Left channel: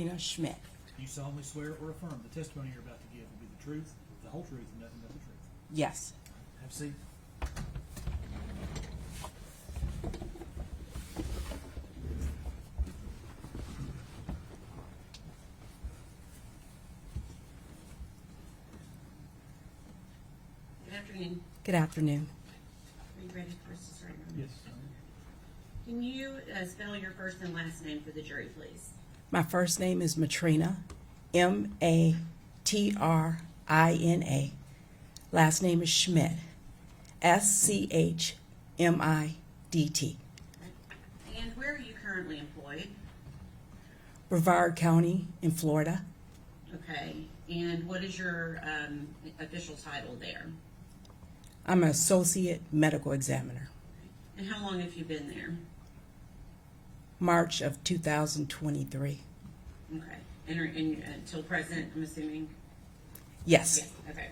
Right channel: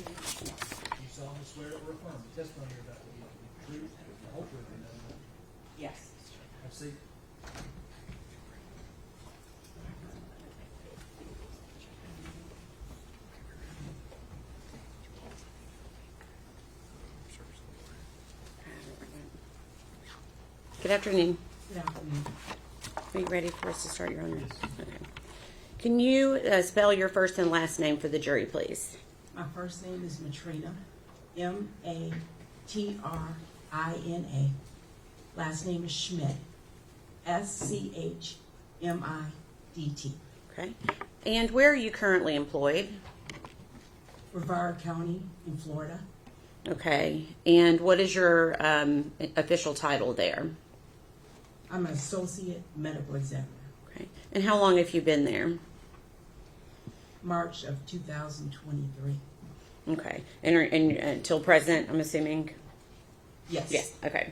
Martrina Schmidt. Do you solemnly swear or affirm the testimony you're about to give will be the truth, the whole truth, and nothing but the truth? Yes. Have a seat. Good afternoon. Good afternoon. Are you ready for us to start your honor? Yes. Okay. Can you spell your first and last name for the jury, please? My first name is Martrina, M-A-T-R-I-N-A. Last name is Schmidt, S-C-H-M-I-D-T. Okay. And where are you currently employed? Brevard County in Florida. Okay. And what is your official title there? I'm an associate medical examiner. Okay. And how long have you been there? March of 2023. Okay. And until present, I'm assuming? Yes. Yes. Okay.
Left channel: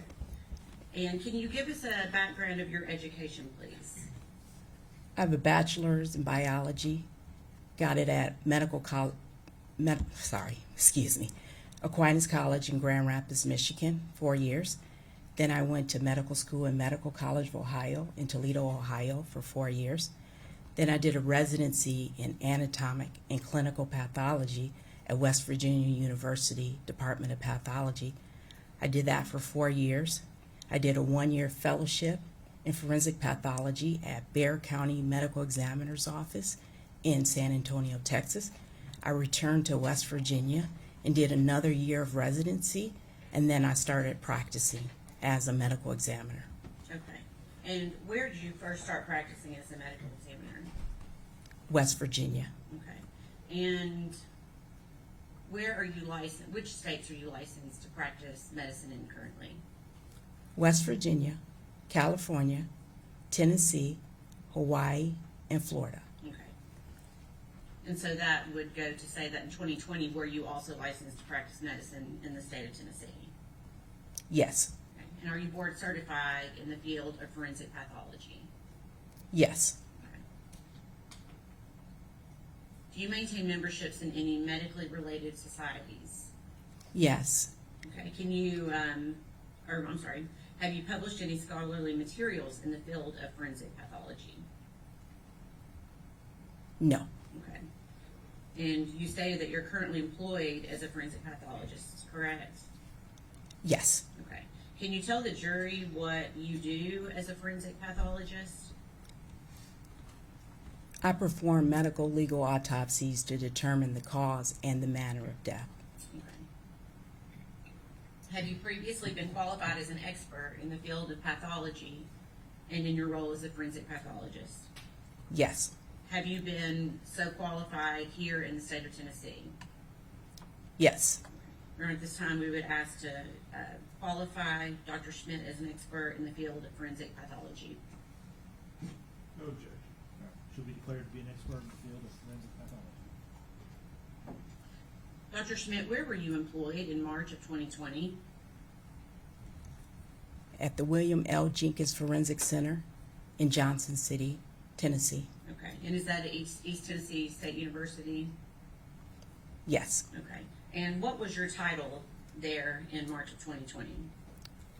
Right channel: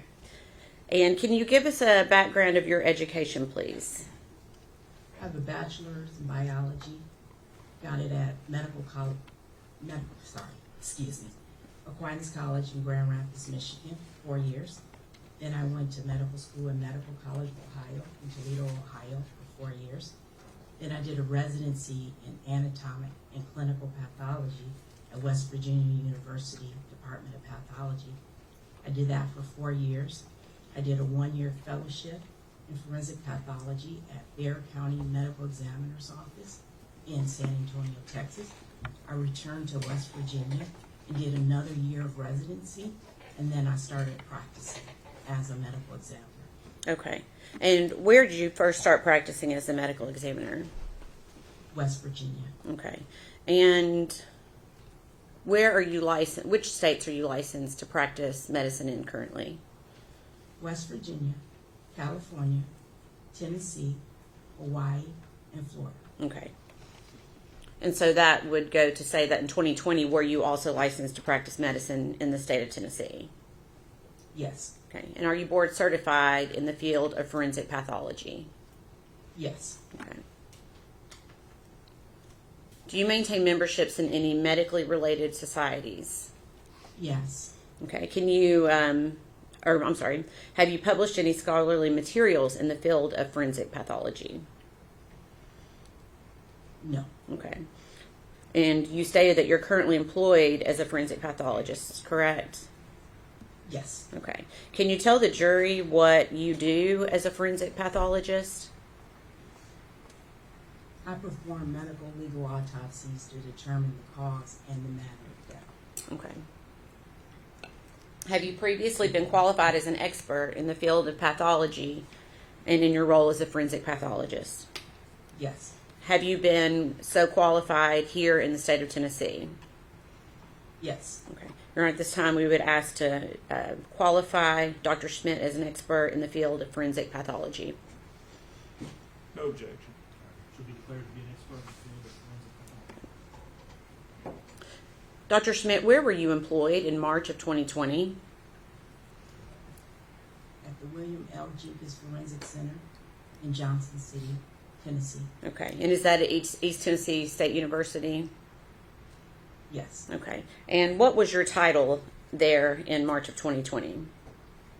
And can you give us a background of your education, please? I have a bachelor's in biology. Got it at Aquinas College in Grand Rapids, Michigan, 4 years. Then I went to medical school in Medical College of Ohio in Toledo, Ohio for 4 years. Then I did a residency in anatomic and clinical pathology at West Virginia University Department of Pathology. I did that for 4 years. I did a 1-year fellowship in forensic pathology at Bexar County Medical Examiner's Office in San Antonio, Texas. I returned to West Virginia and did another year of residency, and then I started practicing as a medical examiner. Okay. And where did you first start practicing as a medical examiner? West Virginia. Okay. And where are you licensed? Which states are you licensed to practice medicine in currently? West Virginia, California, Tennessee, Hawaii, and Florida. Okay. And so that would go to say that in 2020, were you also licensed to practice medicine in the state of Tennessee? Yes. Okay. And are you board certified in the field of forensic pathology? Yes. Okay. Do you maintain memberships in any medically related societies? Yes. Okay. Can you, have you published any scholarly materials in the field of forensic pathology? No. Okay. And you stated that you're currently employed as a forensic pathologist, correct? Yes. Okay. Can you tell the jury what you do as a forensic pathologist? I perform medical legal autopsies to determine the cause and the manner of death. Okay. Have you previously been qualified as an expert in the field of pathology and in your role as a forensic pathologist? Yes. Have you been so qualified here in the state of Tennessee? Yes. Okay. Your Honor, at this time, we would ask to qualify Dr. Schmidt as an expert in the field of forensic pathology. No objection. Should be declared to be an expert in the field of forensic pathology. Dr. Schmidt, where were you employed in March of 2020? At the William L. Jenkins Forensic Center in Johnson City, Tennessee. Okay. And is that at East Tennessee State University? Yes. Okay. And what was your title there in March of 2020?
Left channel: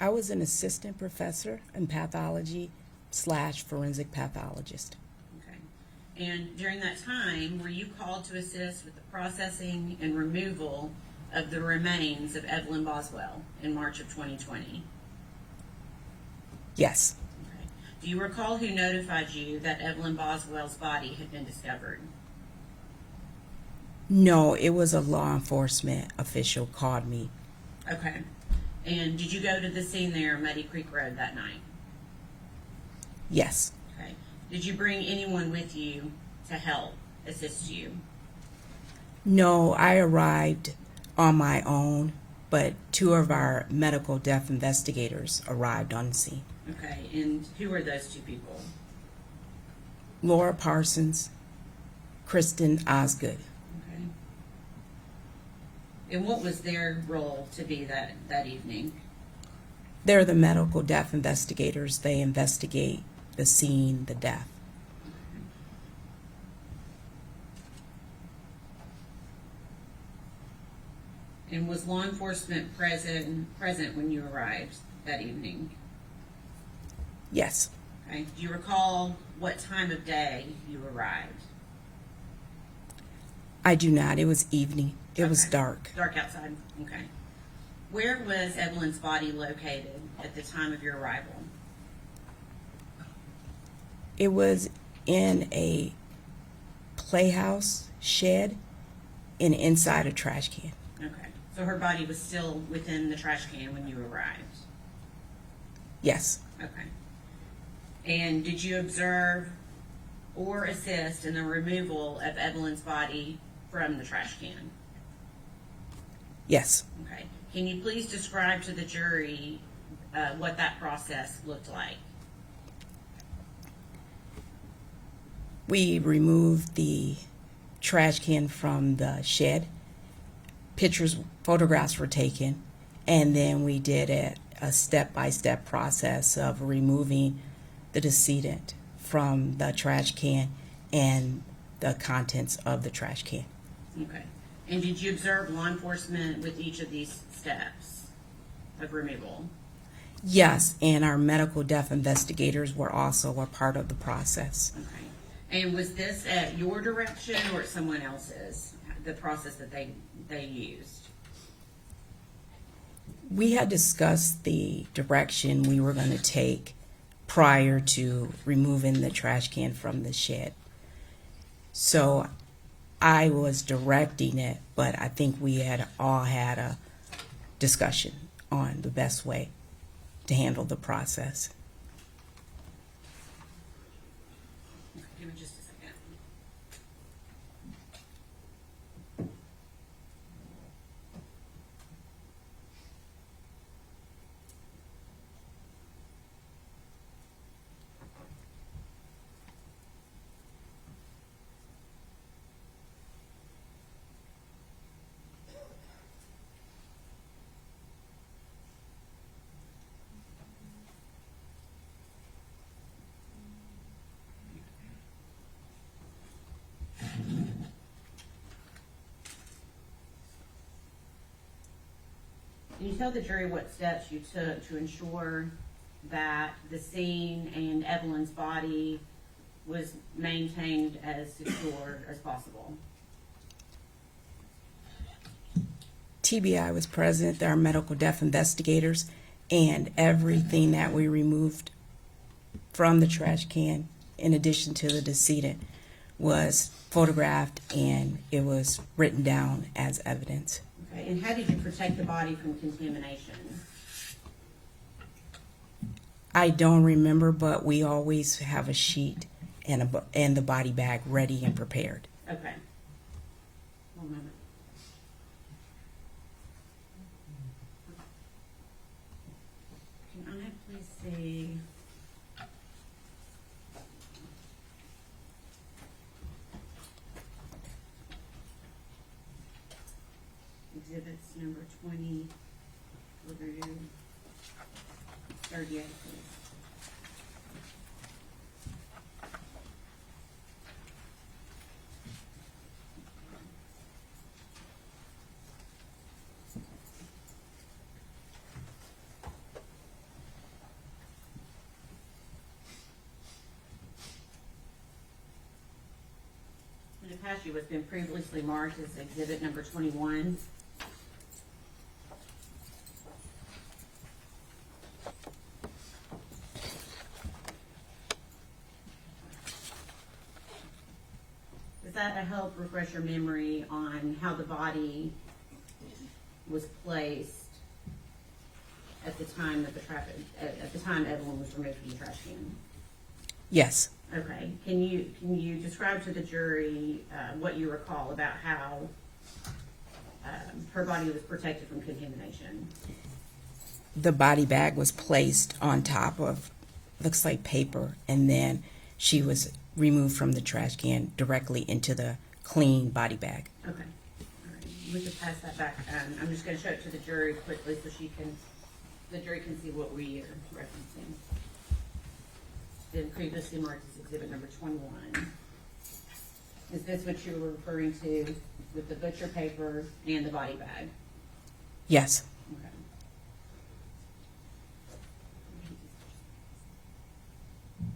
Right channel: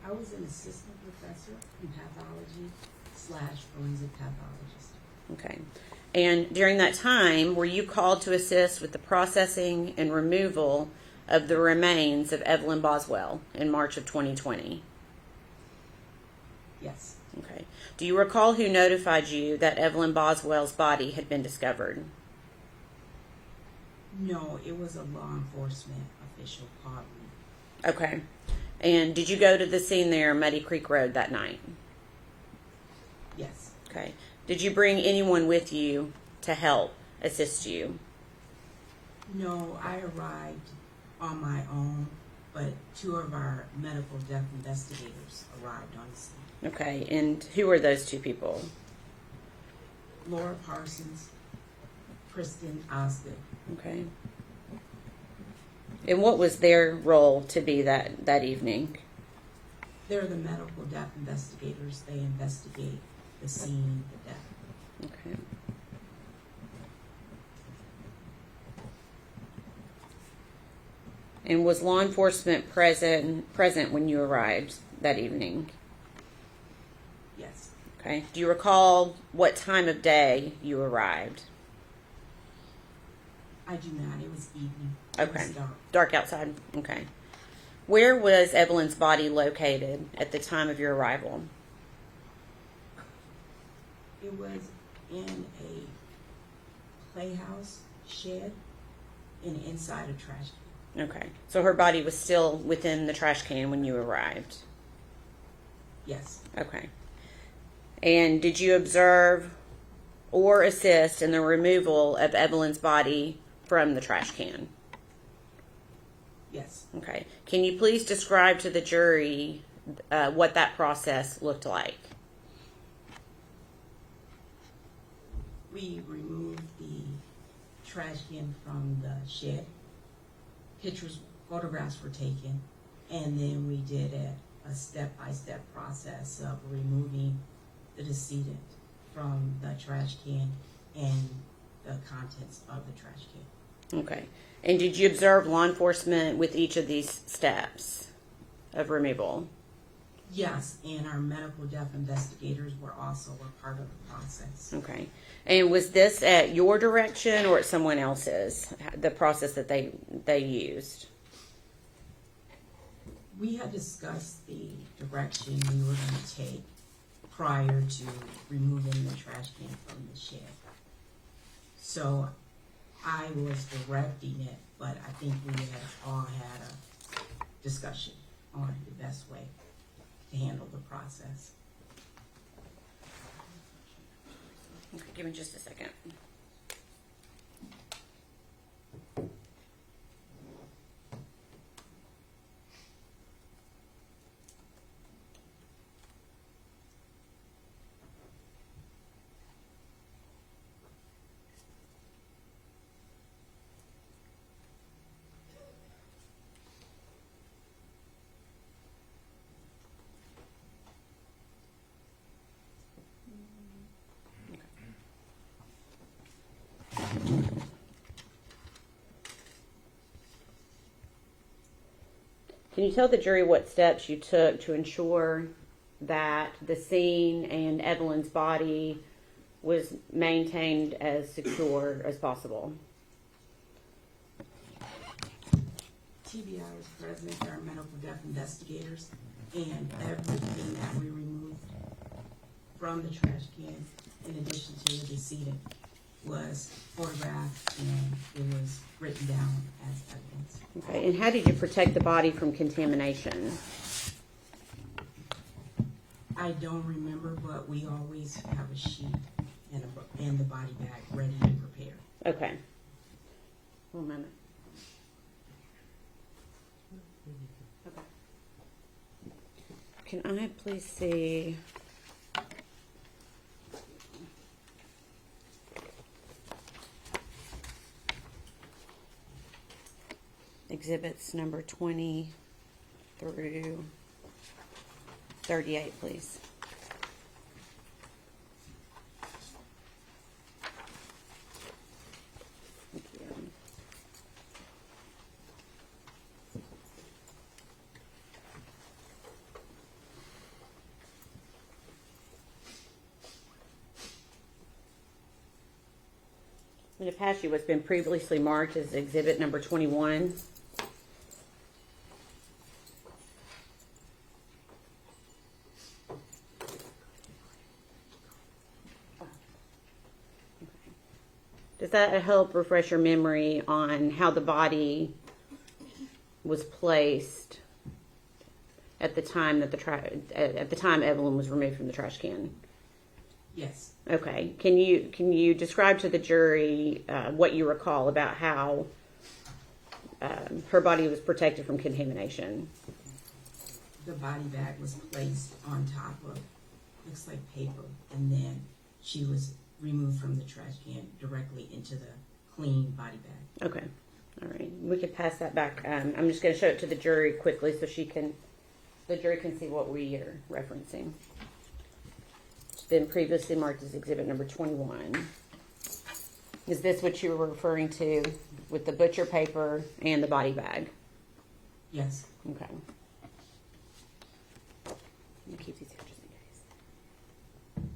I was an assistant professor in pathology / forensic pathologist. Okay. And during that time, were you called to assist with the processing and removal of the remains of Evelyn Boswell in March of 2020? Yes. Okay. Do you recall who notified you that Evelyn Boswell's body had been discovered? No, it was a law enforcement official called me. Okay. And did you go to the scene there, Muddy Creek Road, that night? Yes. Okay. Did you bring anyone with you to help assist you? No, I arrived on my own, but 2 of our medical death investigators arrived on the scene. Okay. And who were those 2 people? Laura Parsons, Kristen Osgood. Okay. And what was their role to be that evening? They're the medical death investigators. They investigate the scene, the death. Okay. And was law enforcement present when you arrived that evening? Yes. Okay. Do you recall what time of day you arrived? I do not. It was evening. It was Okay. dark. Dark outside. Okay. Where was Evelyn's body located at the time of your arrival? It was in a playhouse shed and inside a trash can. Okay. So her body was still within the trash can when you arrived? Yes. Okay. And did you observe or assist in the removal of Evelyn's body from the trash can? Yes. Okay. Can you please describe to the jury what that process looked like? We removed the trash can from the shed. Photographs were taken, and then we did a step-by-step process of removing the decedent from the trash can and the contents of the trash can. Okay. And did you observe law enforcement with each of these steps of removal? Yes, and our medical death investigators were also a part of the process. Okay. And was this at your direction or at someone else's, the process that they used? We had discussed the direction we were going to take prior to removing the trash can from the shed. So I was directing it, but I think we had all had a discussion on the best way to handle the process. Give me just a second. Can you tell the jury what steps you took to ensure that the scene and Evelyn's body was maintained as secure as possible? TBI was present, our medical death investigators, and everything that we removed from the trash can, in addition to the decedent, was photographed and it was written down as evidence. Okay, and how did you protect the body from contamination? I don't remember, but we always have a sheet and the body bag ready and prepared. Okay. 1 minute. Can I please see? Exhibits number 20 through 38, please. Thank you. In the past, what's been previously marked as exhibit number 21. Does that help refresh your memory on how the body was placed at the time that at the time Evelyn was removed from the trash can? Yes. Okay. Can you describe to the jury what you recall about how her body was protected from contamination? The body bag was placed on top of, looks like paper, and then she was removed from the trash can directly into the clean body bag. Okay. All right. We could pass that back. I'm just going to show it to the jury quickly so the jury can see what we are referencing. It's been previously marked as exhibit number 21. Is this what you were referring to with the butcher paper and the body bag? Yes. Okay.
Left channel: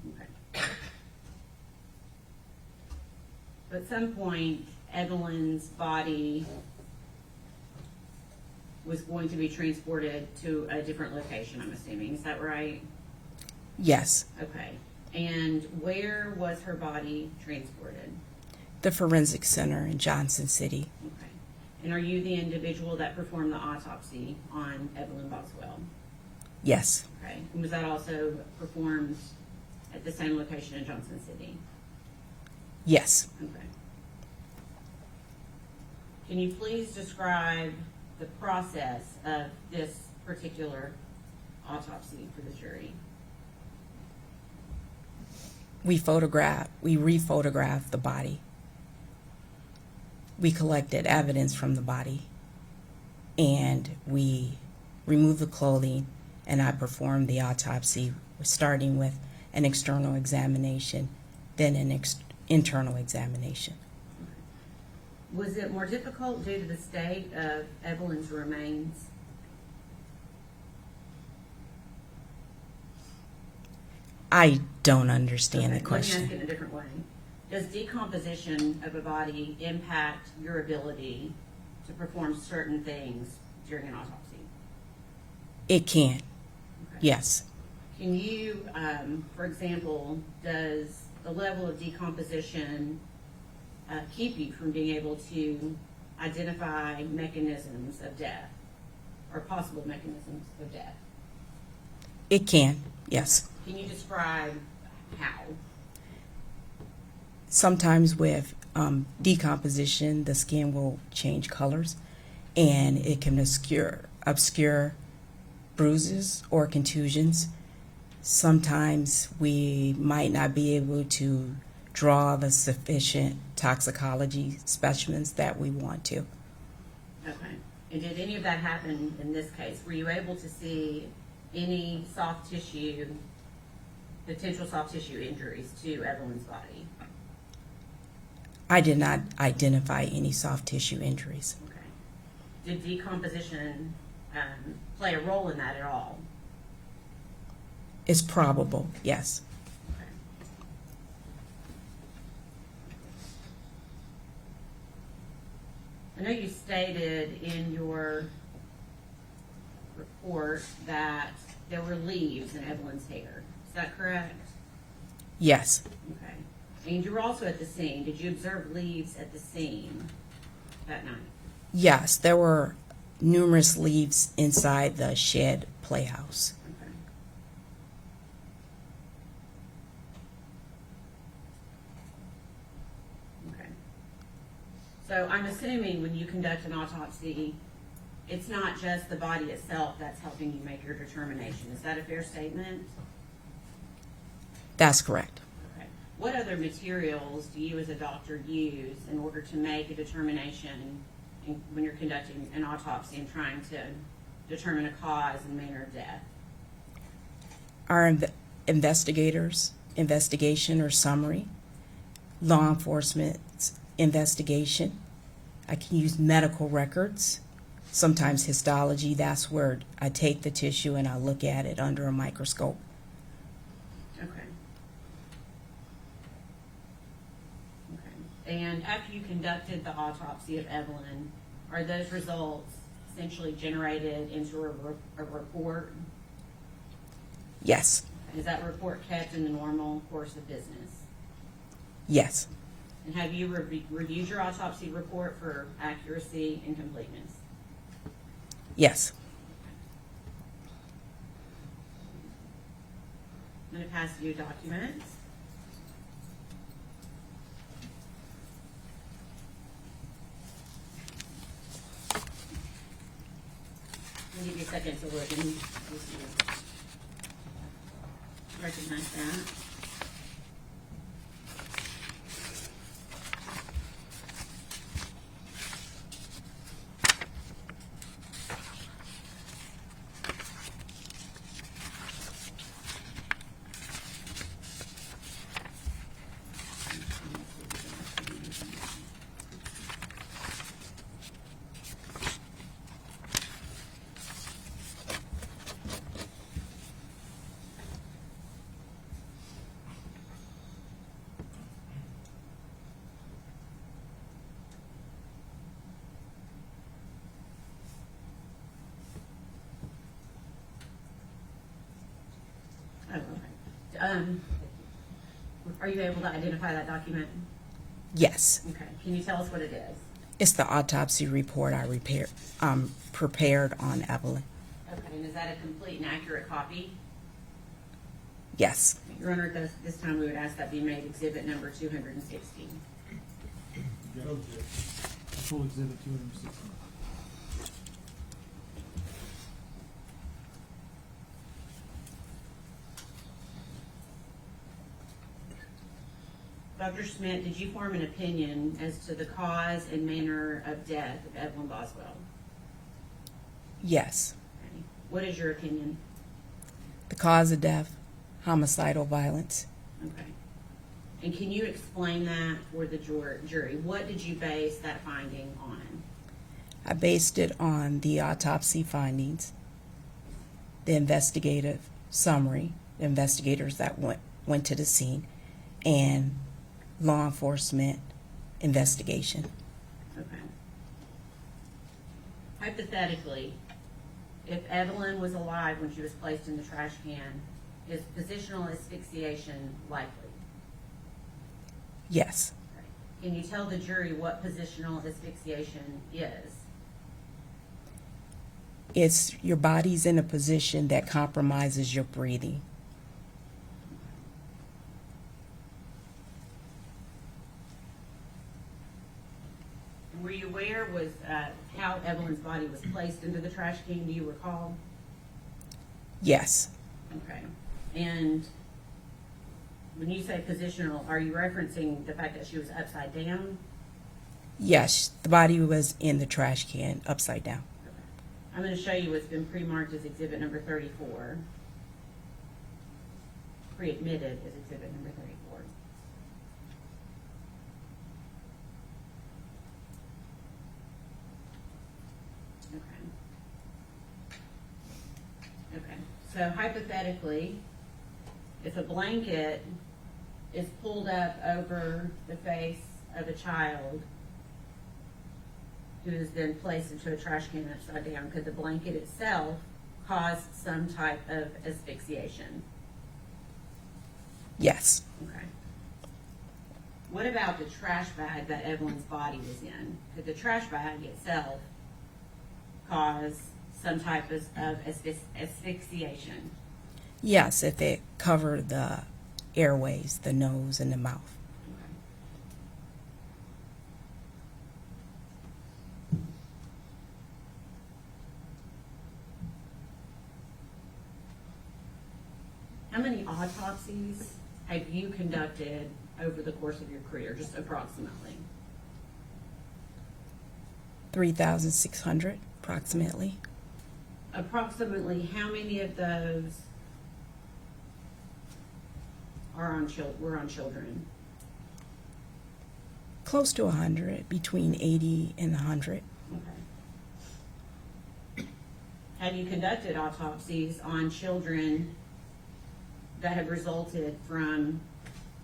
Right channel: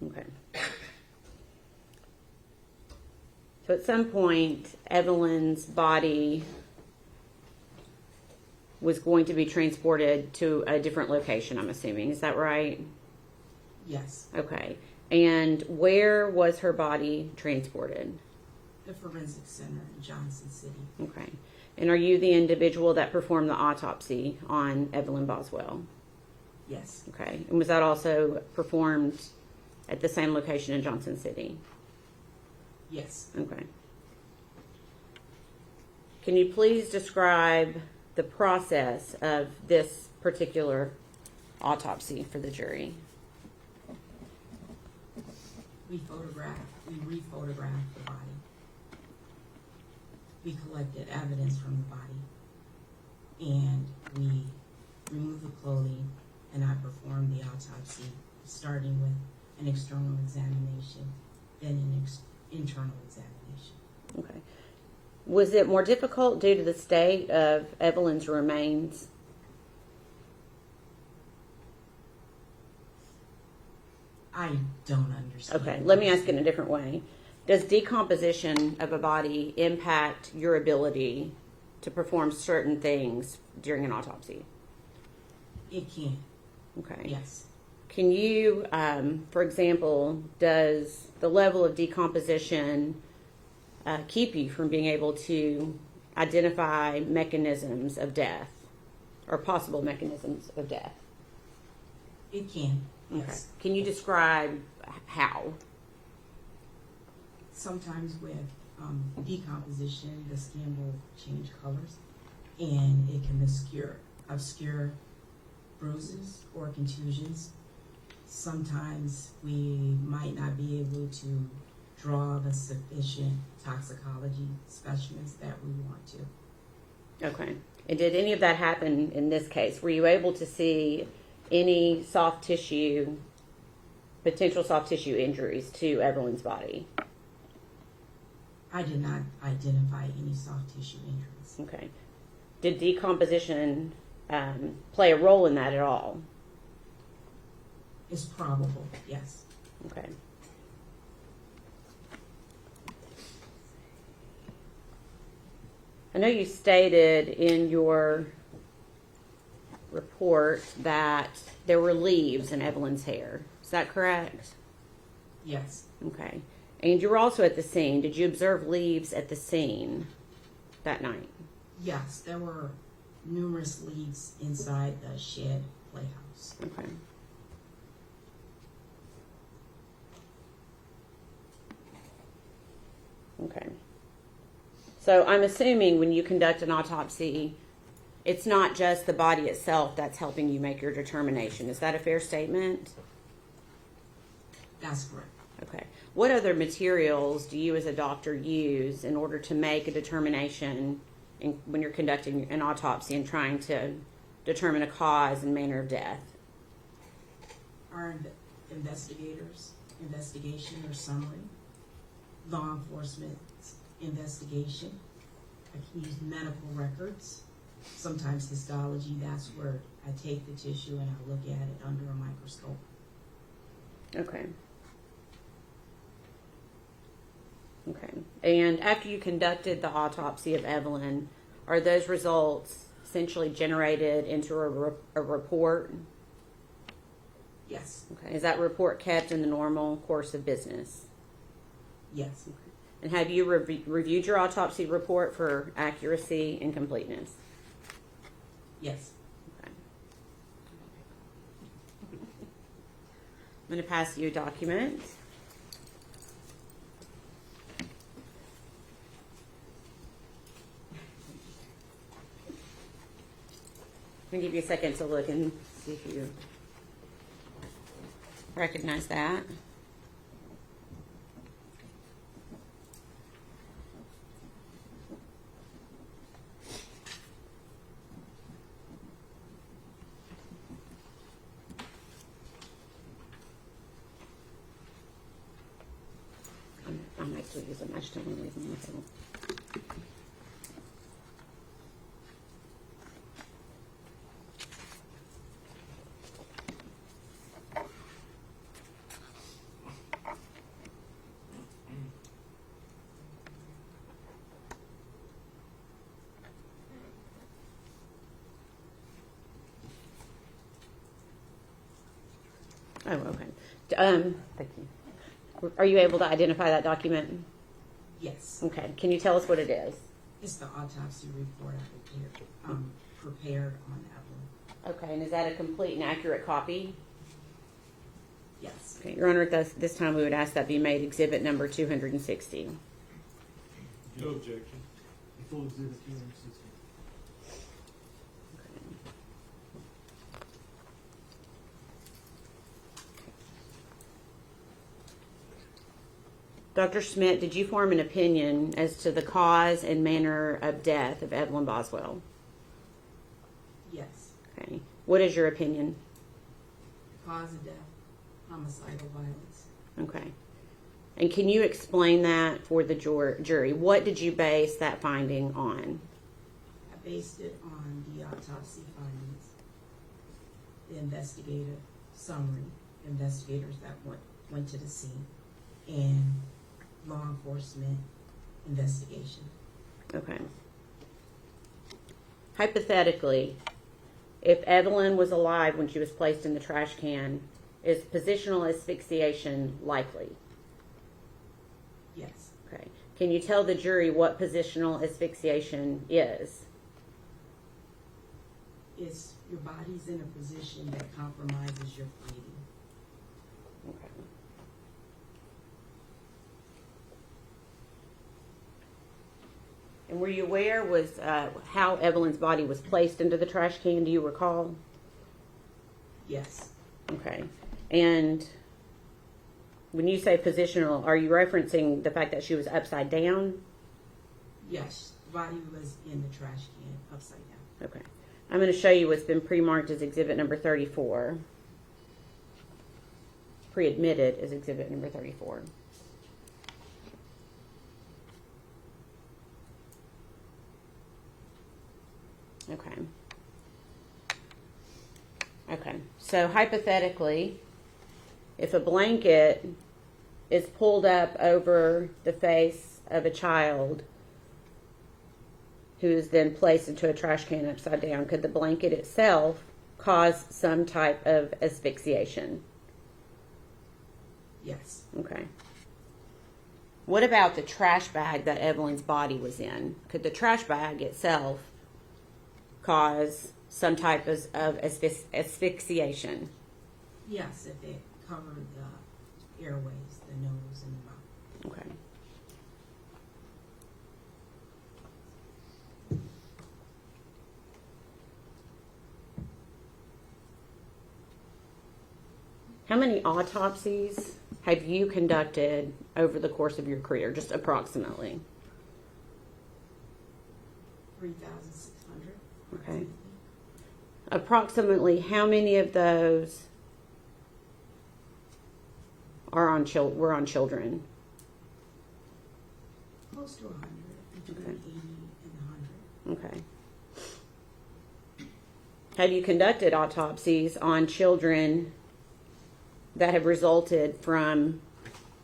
Okay. So at some point, Evelyn's body was going to be transported to a different location, I'm assuming. Is that right? Yes. Okay. And where was her body transported? The Forensic Center in Johnson City. Okay. And are you the individual that performed the autopsy on Evelyn Boswell? Yes. Okay. And was that also performed at the same location in Johnson City? Yes. Okay. Can you please describe the process of this particular autopsy for the jury? We re-photographed the body. We collected evidence from the body, and we removed the clothing, and I performed the autopsy, starting with an external examination, then an internal examination. Okay. Was it more difficult due to the state of Evelyn's remains? I don't understand Okay, the let me question. ask it in a different way. Does decomposition of a body impact your ability to perform certain things during an autopsy? It can, Okay. yes. Can you, for example, does the level of decomposition keep you from being able to identify mechanisms of death or possible mechanisms of death? It can, yes. Can you describe how? Sometimes with decomposition, the skin will change colors, and it can obscure bruises or contusions. Sometimes we might not be able to draw the sufficient toxicology specimens that we want to. Okay. And did any of that happen in this case? Were you able to see any potential soft tissue injuries to Evelyn's body? I did not identify any soft tissue injuries. Okay. Did decomposition play a role in that at all? It's probable, yes. Okay. I know you stated in your report that there were leaves in Evelyn's hair. Is that correct? Yes, Okay. And you were also at the scene. Did you observe leaves at the scene that night? yes, there were numerous leaves inside the shed playhouse. Okay. Okay. So I'm assuming when you conduct an autopsy, it's not just the body itself that's helping you make your determination. Is that a fair statement? That's correct. Okay. What other materials do you as a doctor use in order to make a determination when you're conducting an autopsy and trying to determine a cause and manner of death? Our investigation or summary, law enforcement's investigation. I can use medical records, sometimes histology. That's where I take the tissue and I look at it under a microscope. Okay. Okay. And after you conducted the autopsy of Evelyn, are those results essentially generated into a report? Yes, Okay. Is that report kept in the normal course of business? yes, And have you reviewed your autopsy report for accuracy and completeness? yes. I'm going to pass you a document. I'm going to give you a second to look and see if you recognize that. Oh, okay. Are you able to identify that document? Yes, Okay. Can you tell us what it is? it's the autopsy report I prepared on Evelyn. Okay, and is that a complete and accurate copy? Yes. Okay, Your Honor, this time we would ask that be made exhibit number 260. No objection. Full exhibit 260. Dr. Schmidt, did you form an opinion as to the cause and manner of death of Evelyn Boswell? Yes. Okay. What is your opinion? The cause of death, homicidal violence. Okay. And can you explain that for the jury? What did you base that finding on? I based it on the autopsy findings, the investigative summary, the investigators that went to the scene, and law enforcement investigation. Okay. Hypothetically, if Evelyn was alive when she was placed in the trash can, is positional asphyxiation likely? Yes. Okay. Can you tell the jury what positional asphyxiation is? It's your body's in a position that compromises your breathing. Okay. And were you aware was how Evelyn's body was placed into the trash can? Do you recall? Yes. Okay. And when you say positional, are you referencing the fact that she was upside down? Yes, the body was in the trash can upside down. Okay. I'm going to show you what's been pre-marked as exhibit number 34. Pre-admitted as exhibit number 34. Okay. Okay. So hypothetically, if a blanket is pulled up over the face of a child who's then placed into a trash can upside down, could the blanket itself cause some type of asphyxiation? Yes. Okay. What about the trash bag that Evelyn's body was in? Could the trash bag itself cause some type of asphyxiation? Yes, if it covered the airways, the nose and the mouth. Okay. How many autopsies have you conducted over the course of your career, just approximately? 3,600 approximately. Approximately how many of those were on children? Close to 100, between 80 and 100. Okay. Have you conducted autopsies on children that have resulted from,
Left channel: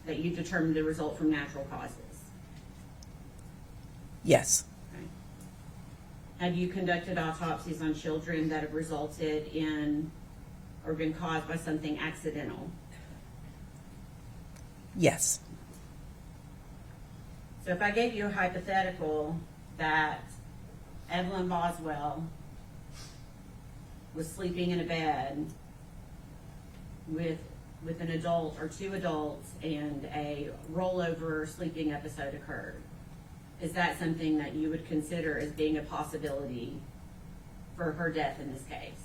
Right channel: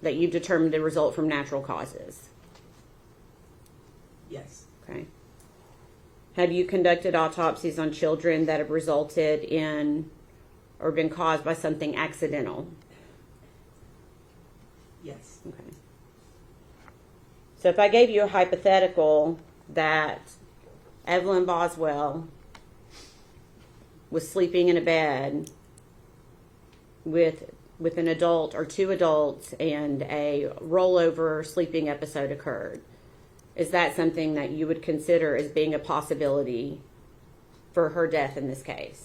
that you determined to result from natural causes? Yes. Okay. Have you conducted autopsies on children that have resulted in or been caused by something accidental? Yes. Okay. So if I gave you a hypothetical that Evelyn Boswell was sleeping in a bed with an adult or two adults and a rollover sleeping episode occurred, is that something that you would consider as being a possibility for her death in this case?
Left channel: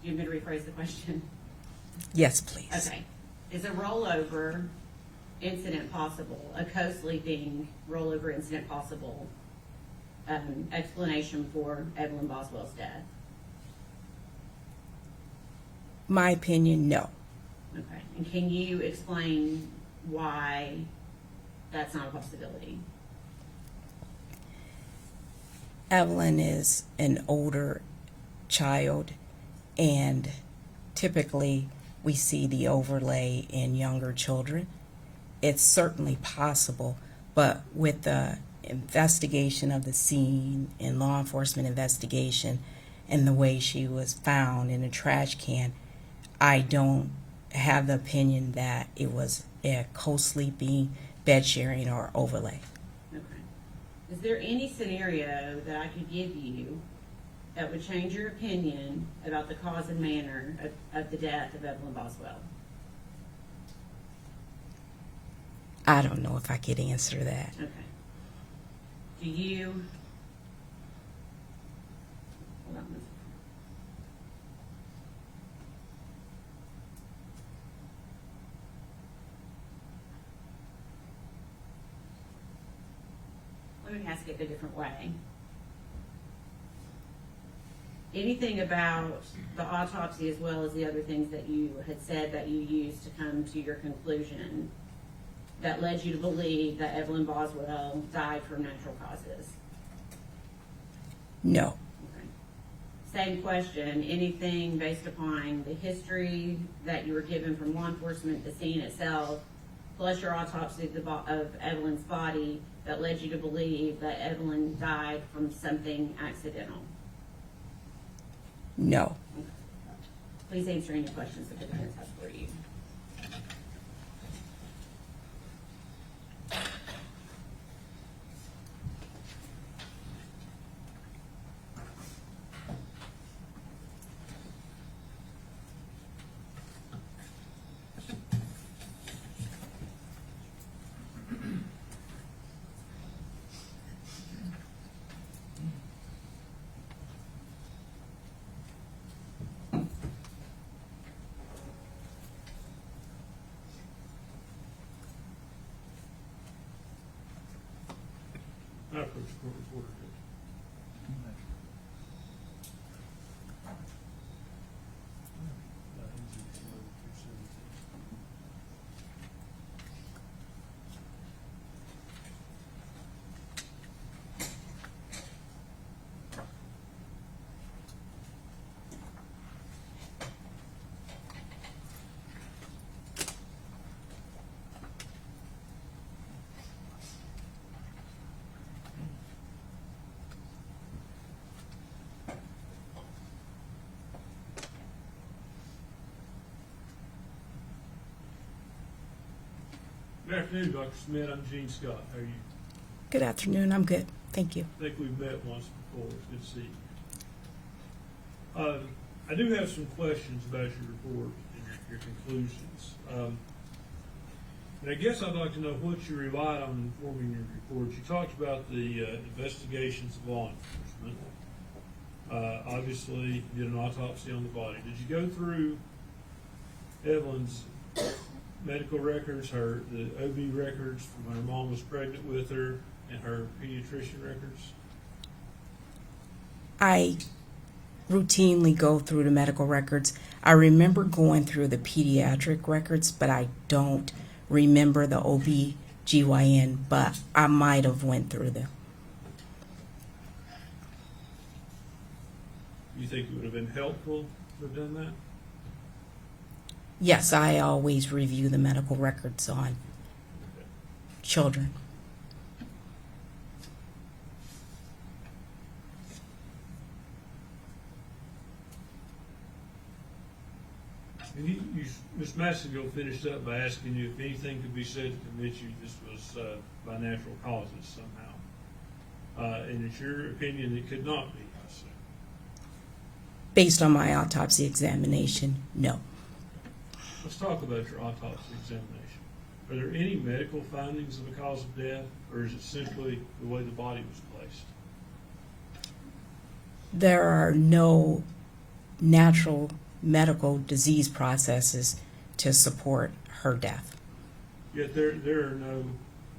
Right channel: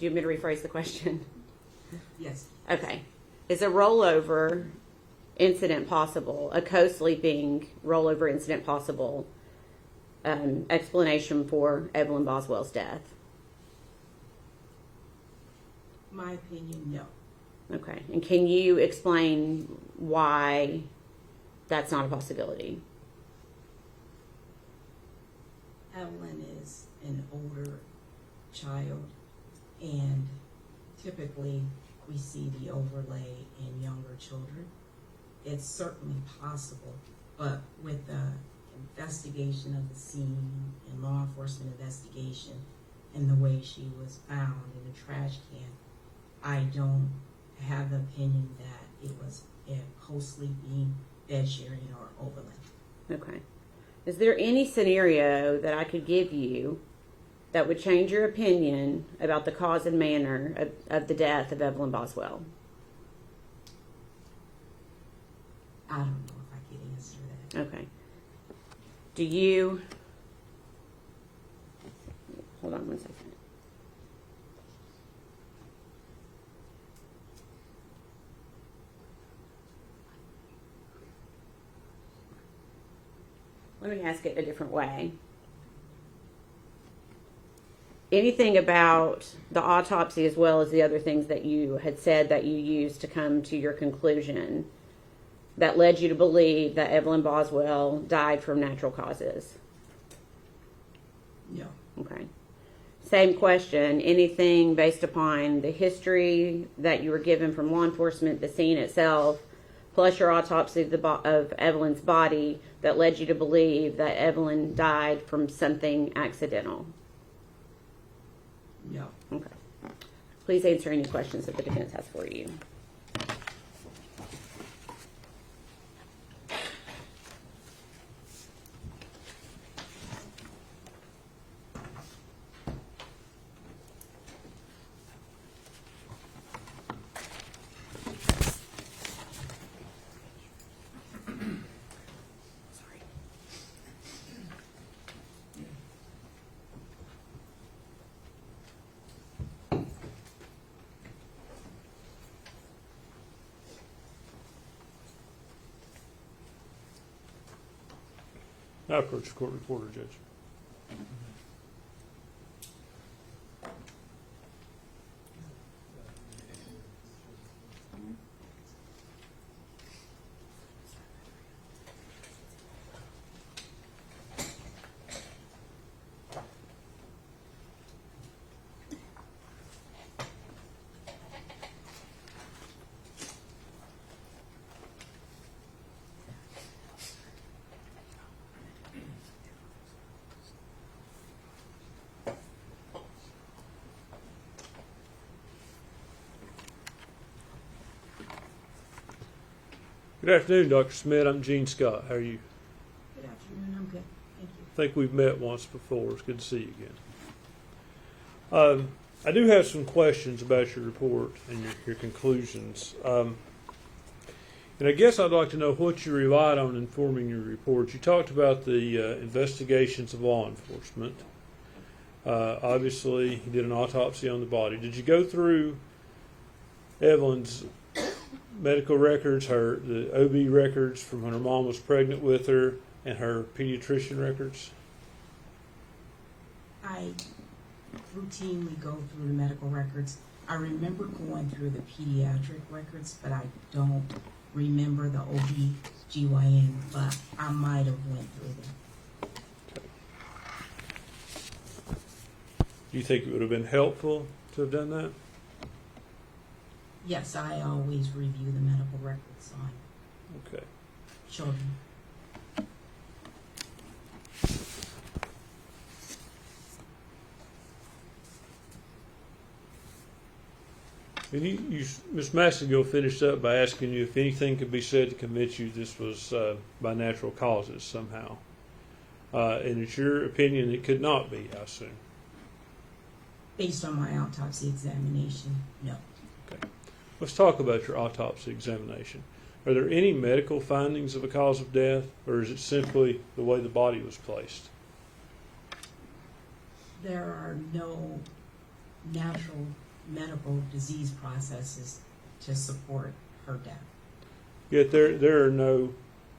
Do you want me to rephrase the question? Yes, please. Okay. Is a rollover incident possible, a co-sleeping rollover incident possible, explanation for Evelyn Boswell's death? My opinion, no. Okay. And can you explain why that's not a possibility? Evelyn is an older child, and typically we see the overlay in younger children. It's certainly possible, but with the investigation of the scene and law enforcement investigation, and the way she was found in a trash can, I don't have the opinion that it was a co-sleeping, bed sharing, or overlay. Okay. Is there any scenario that I could give you that would change your opinion about the cause and manner of the death of Evelyn Boswell? I don't know if I could answer that. Okay. Do you... Hold on one second. Let me ask it a different way. Anything about the autopsy, as well as the other things that you had said that you used to come to your conclusion, that led you to believe that Evelyn Boswell died from natural causes? No. Okay. Same question. Anything based upon the history that you were given from law enforcement, the scene itself, plus your autopsy of Evelyn's body, that led you to believe that Evelyn died from something accidental? No. Okay. Please answer any questions that the defense has for you. I approach the court reporter, Judge. Good afternoon, Dr. Schmidt. I'm Gene Scott. How are you? Good afternoon. I'm good. Thank you. I think we've met once before. It's good to see you again. I do have some questions about your report and your conclusions. And I guess I'd like to know what you relied on in forming your report. You talked about the investigations of law enforcement. Obviously, you did an autopsy on the body. Did you go through Evelyn's medical records, the OB records from when her mom was pregnant with her, and her pediatrician records? I routinely go through the medical records. I remember going through the pediatric records, but I don't remember the OB/GYN, but I might have went through them. Do you think it would have been helpful to have done that? Yes, I always review the medical records on Okay. children. Ms. Massengill finished up by asking you if anything could be said to convince you this was by natural causes somehow. And it's your opinion it could not be, I assume. Based on my autopsy examination, no. Okay. Let's talk about your autopsy examination. Are there any medical findings of a cause of death, or is it simply the way the body was placed? There are no natural medical disease processes to support her death. Yet there are no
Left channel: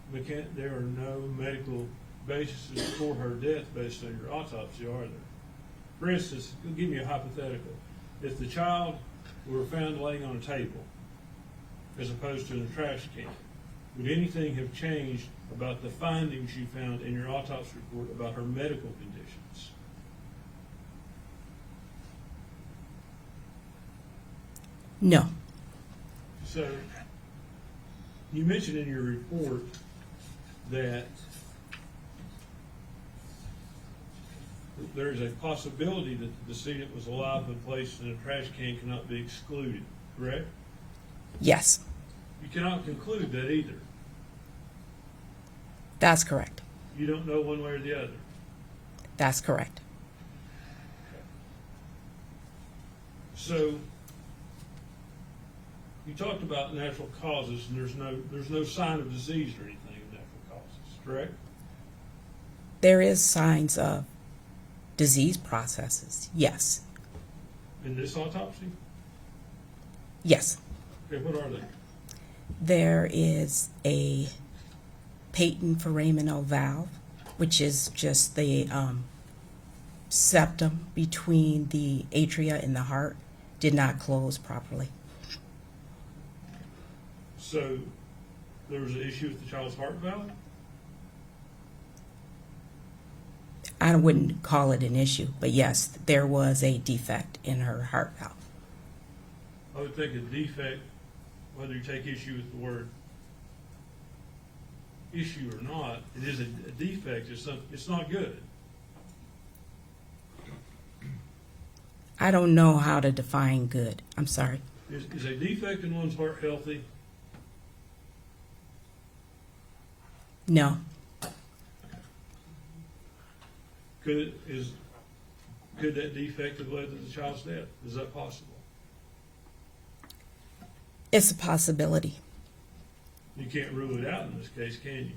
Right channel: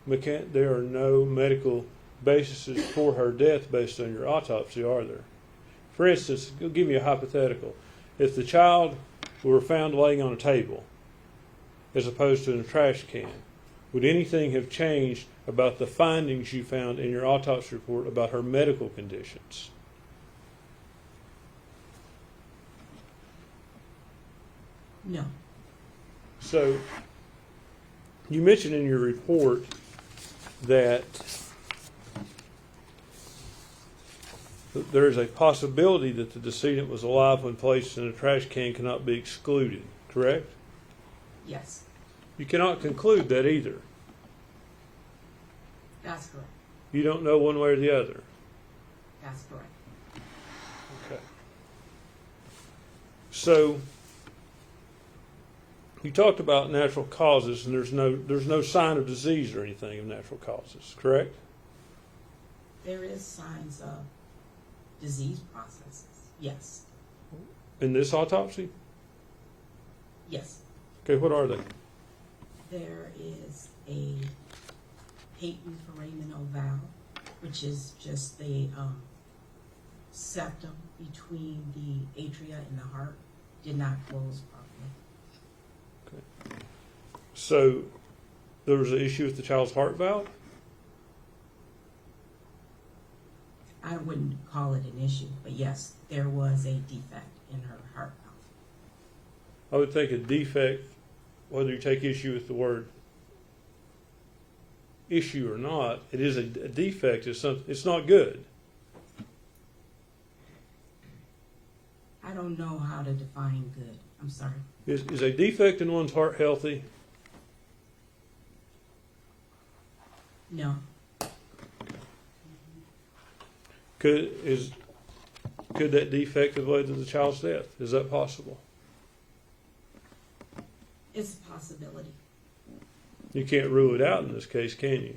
medical bases for her death based on your autopsy, are there? For instance, give me a hypothetical. If the child were found laying on a table as opposed to in a trash can, would anything have changed about the findings you found in your autopsy report about her medical conditions? No. So, you mentioned in your report that But there is a possibility that the decedent was alive when placed in a trash can cannot be excluded, correct? Yes, You cannot conclude that either. that's correct. You don't know one way or the other. That's correct. Okay. So you talked about natural causes, and there's no sign of disease or anything of natural causes, correct? There is signs of disease processes. Yes. In this autopsy? Yes. Okay, what are they? There is a patent foraminal valve, which is just the septum between the atria and the heart, did not close properly. So there was an issue with the child's heart valve? I wouldn't call it an issue, but yes, there was a defect in her heart valve. I would think a defect, whether you take issue with the word issue or not, it is a defect. It's not good. I don't know how to define good. I'm sorry. Is a defect in one's heart healthy? No. Could that defect have led to the child's death? Is that possible? It's a possibility. You can't rule it out in this case, can you?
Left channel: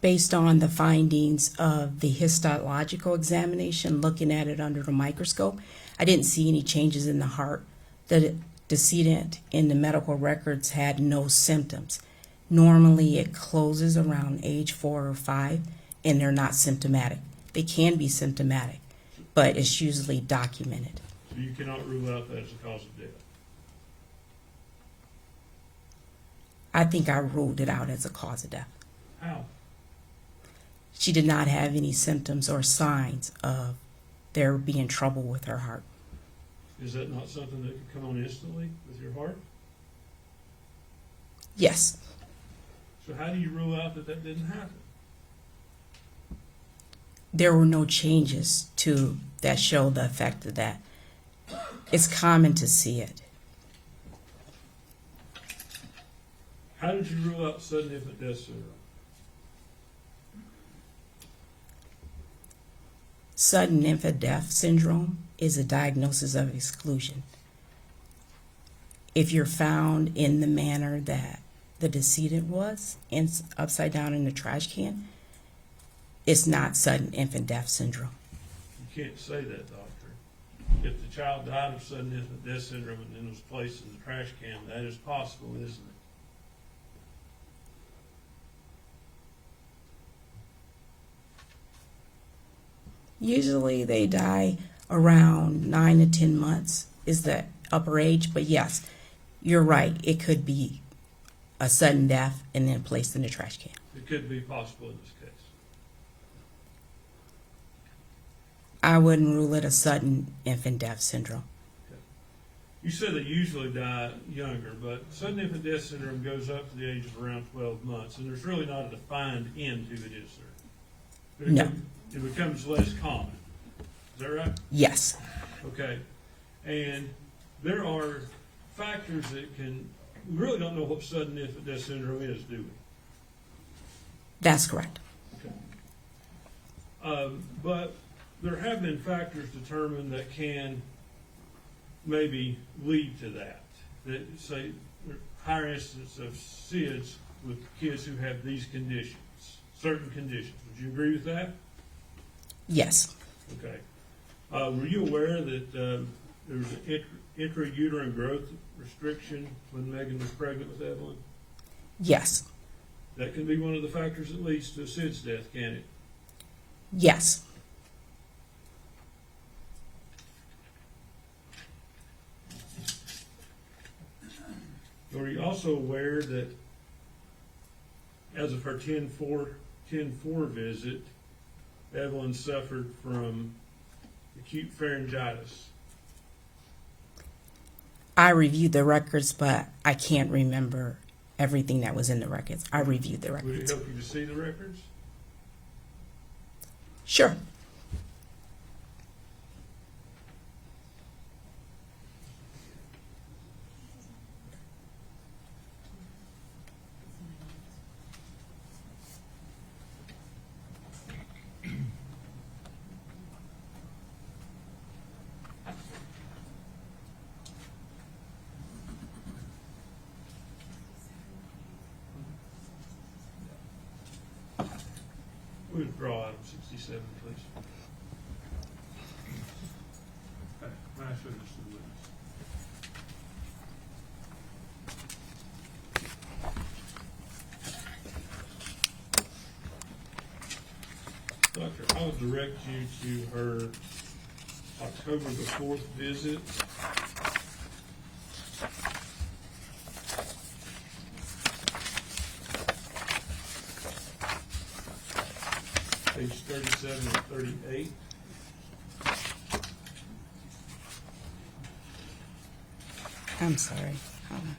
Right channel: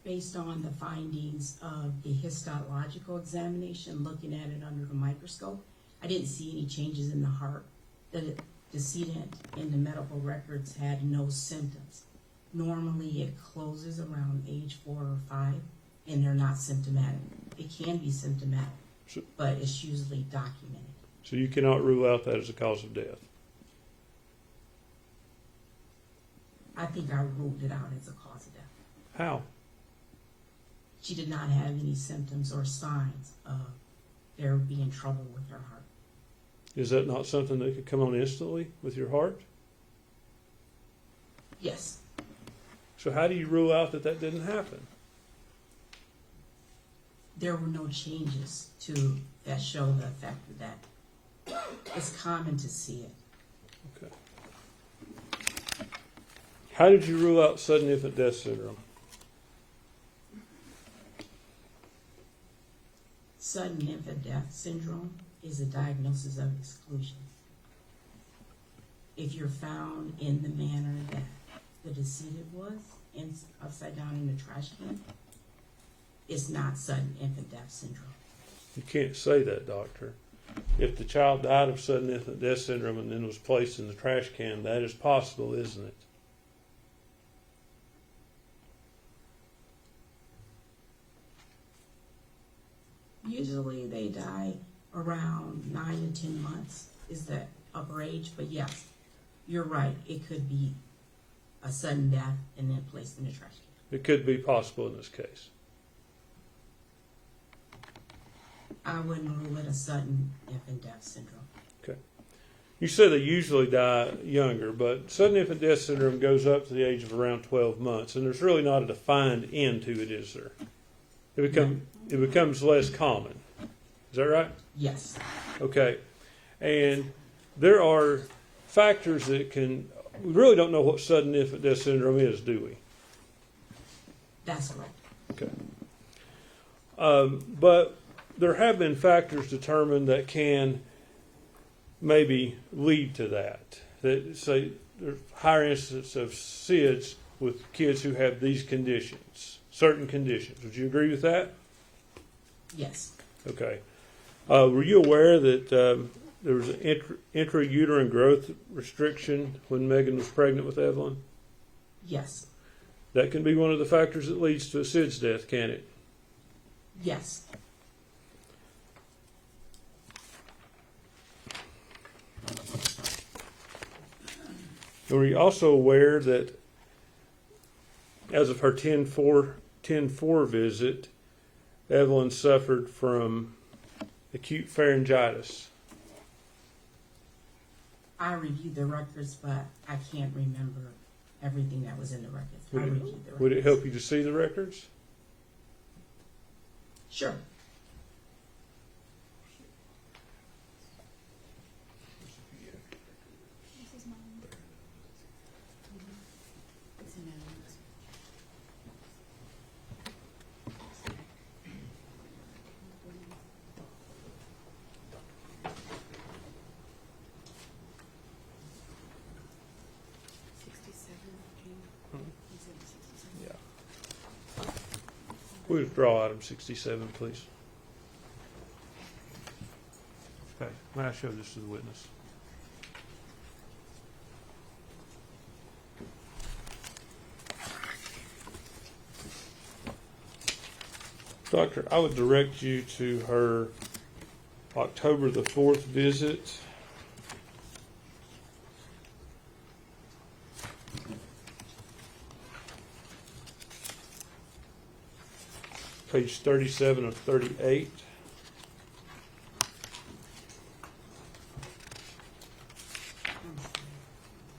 Based on the findings of the histological examination, looking at it under the microscope, I didn't see any changes in the heart. The decedent in the medical records had no symptoms. Normally it closes around age 4 or 5, and they're not symptomatic. They can be symptomatic, but it's usually documented. So you cannot rule out that as a cause of death. I think I ruled it out as a cause of death. How? She did not have any symptoms or signs of there being trouble with her heart. Is that not something that could come on instantly with your heart? Yes, So how do you rule out that that didn't happen? there were no changes to that show the effect of that. It's common to see it. How did you rule out sudden infant death syndrome? Sudden infant death syndrome is a diagnosis of exclusion. If you're found in the manner that the decedent was, and upside down in the trash can, it's not sudden infant death syndrome. You can't say that, doctor. If the child died of sudden infant death syndrome and then was placed in the trash can, that is possible, isn't it? Usually they die around 9 to 10 months is the upper age, but yes, you're right. It could be a sudden death and then placed in the trash can. It could be possible in this case. I wouldn't rule it a sudden infant death syndrome. You said they usually die younger, but sudden infant death syndrome goes up to the age of around 12 months, and there's really not a defined end to it, is there? It becomes less common. Is that right? Yes, Okay. And there are factors that we really don't know what sudden infant death syndrome is, do we? that's correct. Okay. But there have been factors determined that can maybe lead to that. That say there's higher incidence of SIDS with kids who have these conditions, certain conditions. Would you agree with that? Yes, Okay. Were you aware that there was an intrauterine growth restriction when Megan was pregnant with Evelyn? yes, That can be one of the factors that leads to a SIDS death, can it? yes. Were you also aware that as of her 10-4 visit, Evelyn suffered from acute pharyngitis? I reviewed the records, but I can't remember everything that was in the records. I reviewed the records. Would it help you to see the records? Sure. withdraw item 67, please? Okay, may I show this to the witness? Doctor, I would direct you to her October the 4th visit. Page 37 and 38. I'm sorry. Hold on.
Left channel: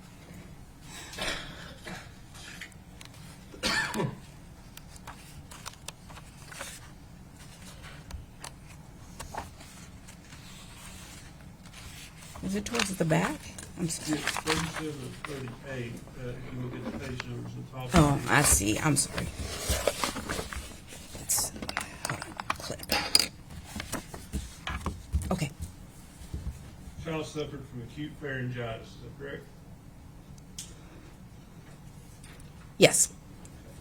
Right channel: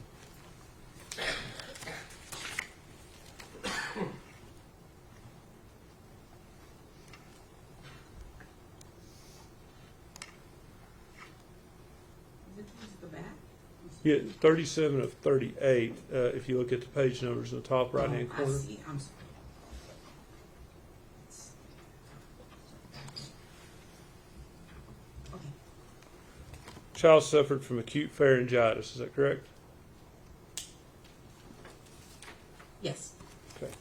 Is it towards the back? I'm sorry. Yeah, 37 of 38, if you look at the page numbers on top. Oh, I see. I'm sorry. Let's, hold on. Clip. Okay. Child suffered from acute pharyngitis, is that correct? Yes. Okay.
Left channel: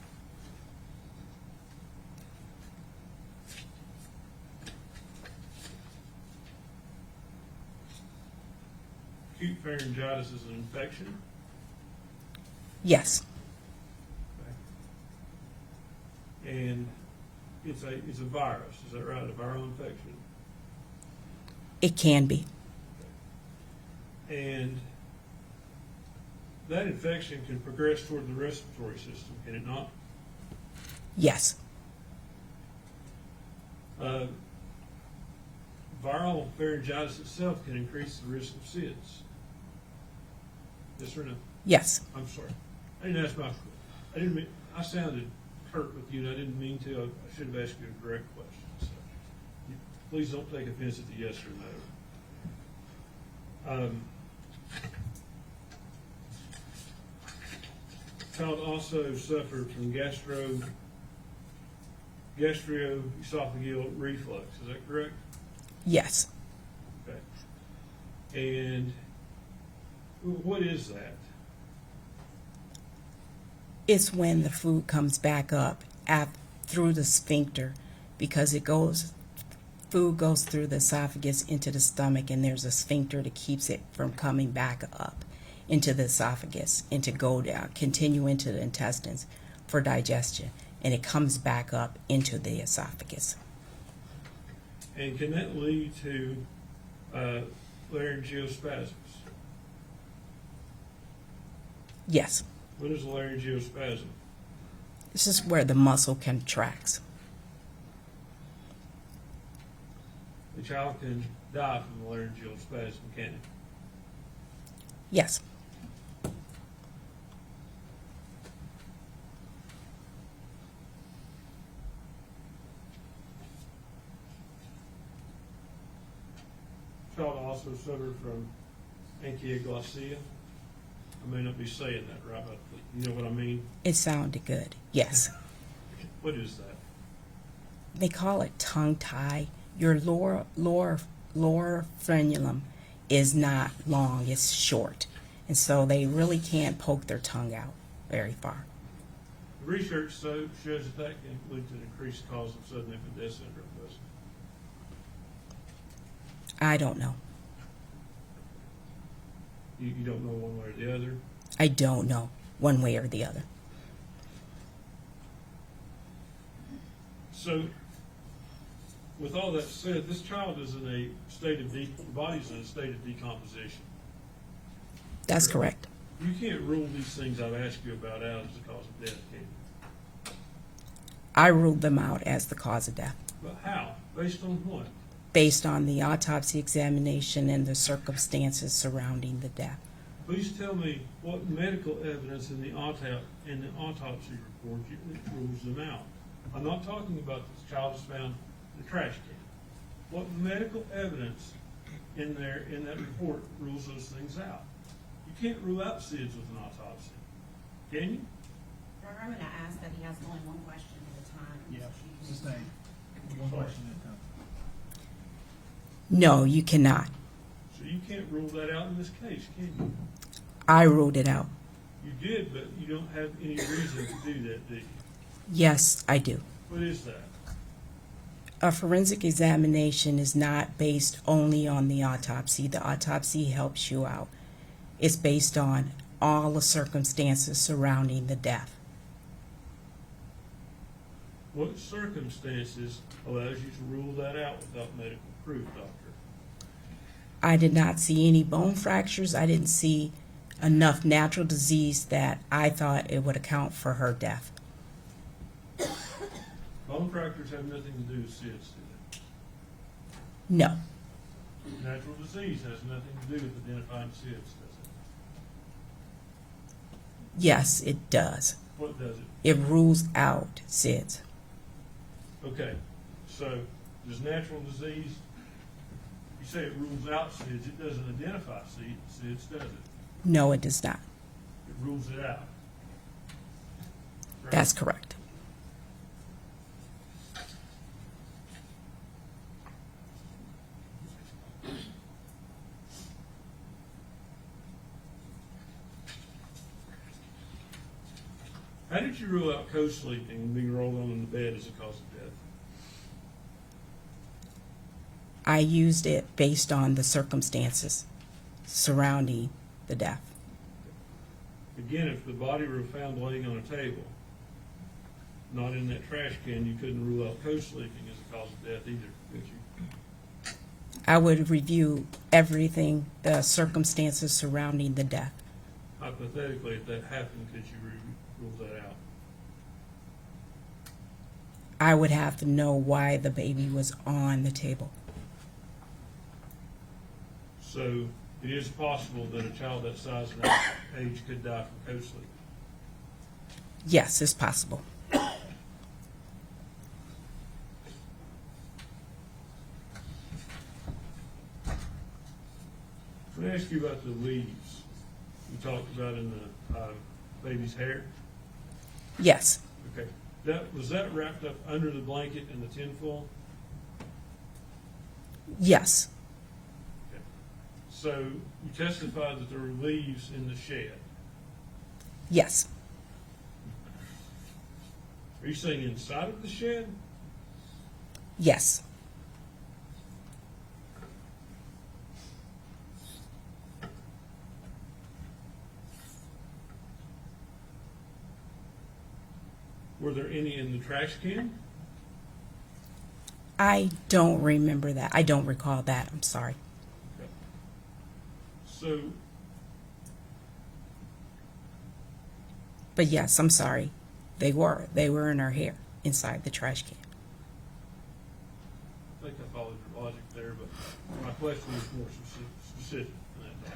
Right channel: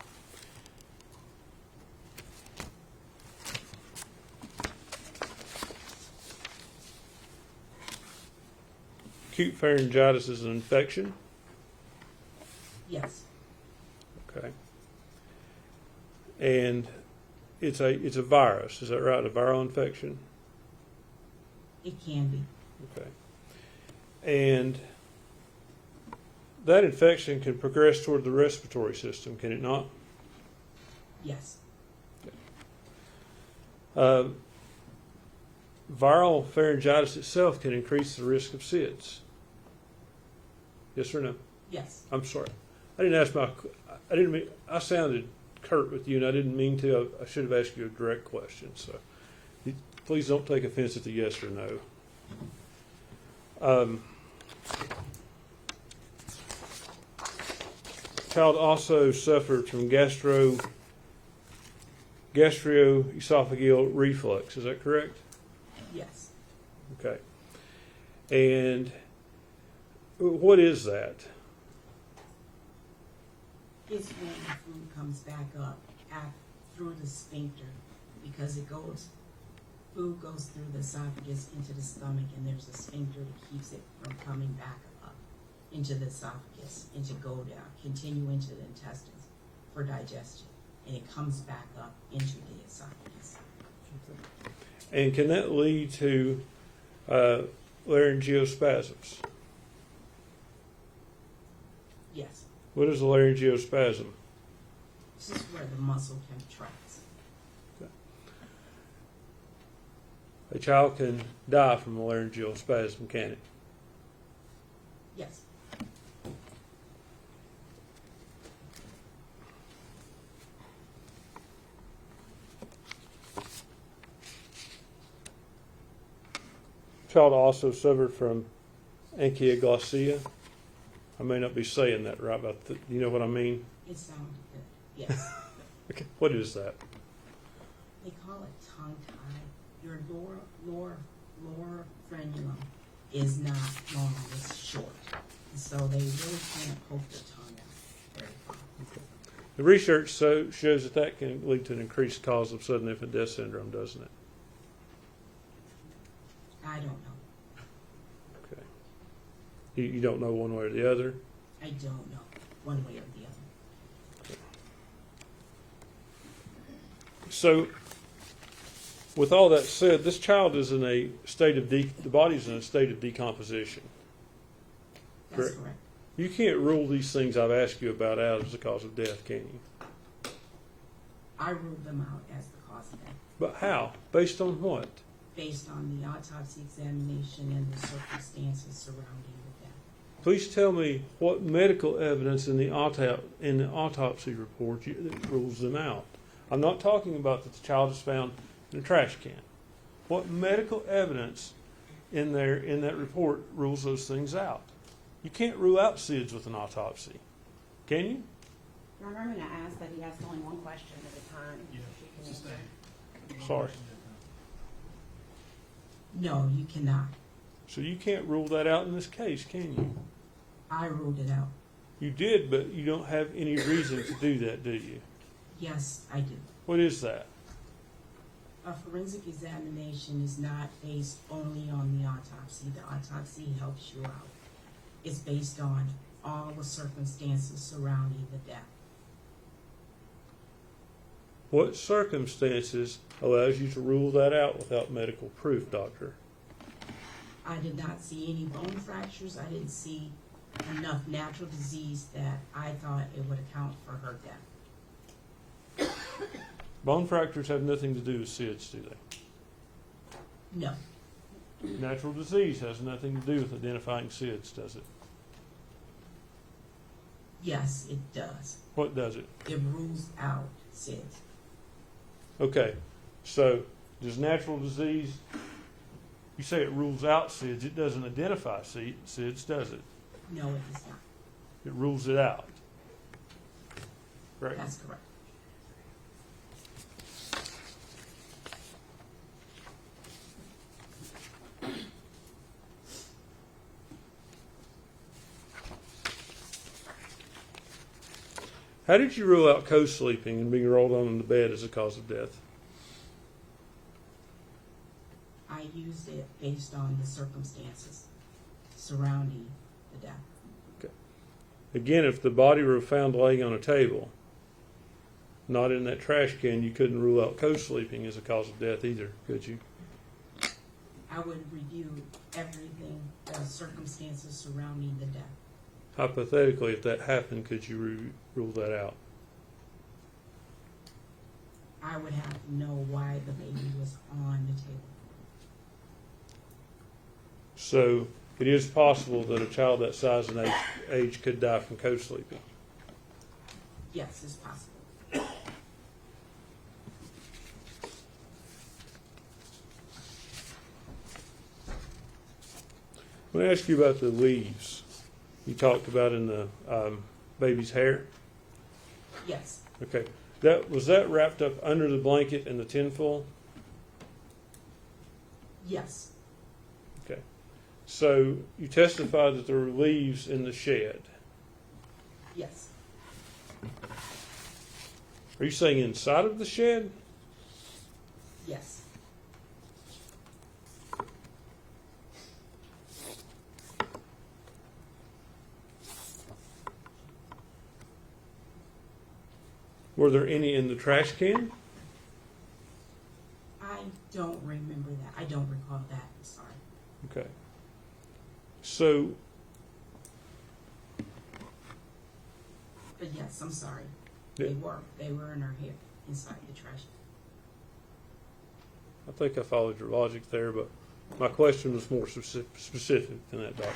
Acute pharyngitis is an infection, Yes. okay? And it's a virus, is that right? A viral infection? It can be. Okay. And that infection can progress toward the respiratory system, can it not? Yes. Viral pharyngitis itself can increase the risk of SIDS. Yes or no? Yes. I'm sorry. I sounded curt with you, and I didn't mean to. I should have asked you a direct question. So please don't take offense at the yes or no. Child also suffered from gastroesophageal reflux. Is that correct? Yes. Okay. And what is that? It's when the food comes back up through the sphincter, because food goes through the esophagus into the stomach, and there's a sphincter that keeps it from coming back up into the esophagus and to go down, continue into the intestines for digestion, and it comes back up into the esophagus. And can that lead to laryngeospasms? Yes. What is a laryngeospasm? This is where the muscle contracts. A child can die from a laryngeal spasm, can it? Yes. Child also suffered from ankyloglossia. I may not be saying that right, but you know what I mean? It sounded good. Yes. Okay. What is that? They call it tongue tie. Your lower frenulum is not long, it's short. And so they really can't poke their tongue out very far. The research shows that can lead to an increased cause of sudden infant death syndrome, doesn't it? I don't know. Okay. You don't know one way or the other? I don't know one way or the other. So, with all that said, this child is in a state of the body's in a state of decomposition. That's correct. You can't rule these things I've asked you about out as the cause of death, can you? I ruled them out as the cause of death, But how? Based on what? based on the autopsy examination and the circumstances surrounding the death. Please tell me what medical evidence in the autopsy report that rules them out. I'm not talking about that the child is found in a trash can. What medical evidence in that report rules those things out? You can't rule out SIDS with an autopsy, can you? Remember, I'm going to ask that he asks only one question at a time. Yeah, so she can sustain. answer. One Sorry. question at a time. No, you cannot. So you can't rule that out in this case, can you? I ruled it out. You did, but you don't have any reason to do that, do you? Yes, I do. What is that? A forensic examination is not based only on the autopsy. The autopsy helps you out. It's based on all the circumstances surrounding the death. What circumstances allows you to rule that out without medical proof, doctor? I did not see any bone fractures. I didn't see enough natural disease that I thought it would account for her death. Bone fractures have nothing to do with SIDS, do they? No, Natural disease has nothing to do with identifying SIDS, does it? yes, it does. What does it? It rules out SIDS. Okay, so does natural disease, you say it rules out SIDS, it doesn't identify SIDS, does it? No, it does not. It rules it out. Right? That's correct. How did you rule out co-sleeping and being rolled on the bed as a cause of death? I used it based on the circumstances surrounding the death. Again, if the body were found laying on a table, not in that trash can, you couldn't rule out co-sleeping as a cause of death either, could you? I would review everything, the circumstances surrounding the death. Hypothetically, if that happened, could you rule that out? I would have to know why the baby was on the table. So it is possible that a child that size and that age could die from co-sleeping. Yes, it's possible. Let me ask you about the leaves you talked about in the baby's hair. Yes, Okay, was that wrapped up under the blanket in the tinfoil? yes, Okay, so you testified that there were leaves in the shed. yes, Are you saying inside of the shed? yes. Were there any in the trash can? I don't remember that. I don't recall that. I'm sorry. Okay. So, But yes, I'm sorry. They were in her hair inside the trash can. I think I followed your logic there, but my question was more specific than that, doctor.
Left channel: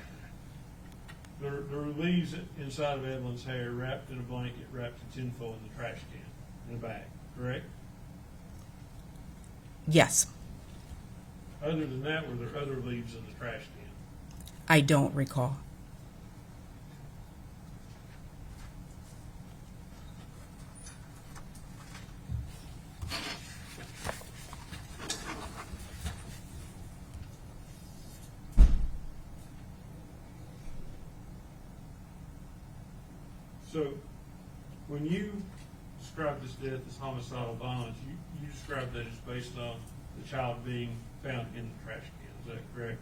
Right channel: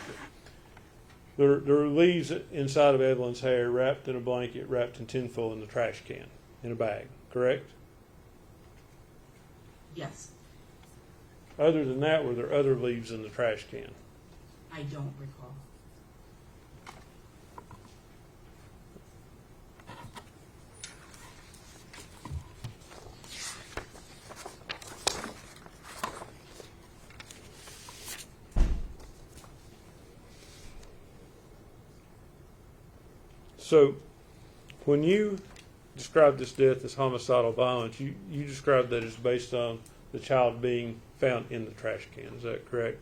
There were leaves inside of Evelyn's hair wrapped in a blanket, wrapped in tinfoil in the trash can, in a bag, correct? Yes, Other than that, were there other leaves in the trash can? I don't recall. So, when you described this death as homicidal violence, you described that as based on the child being found in the trash can. Is that correct?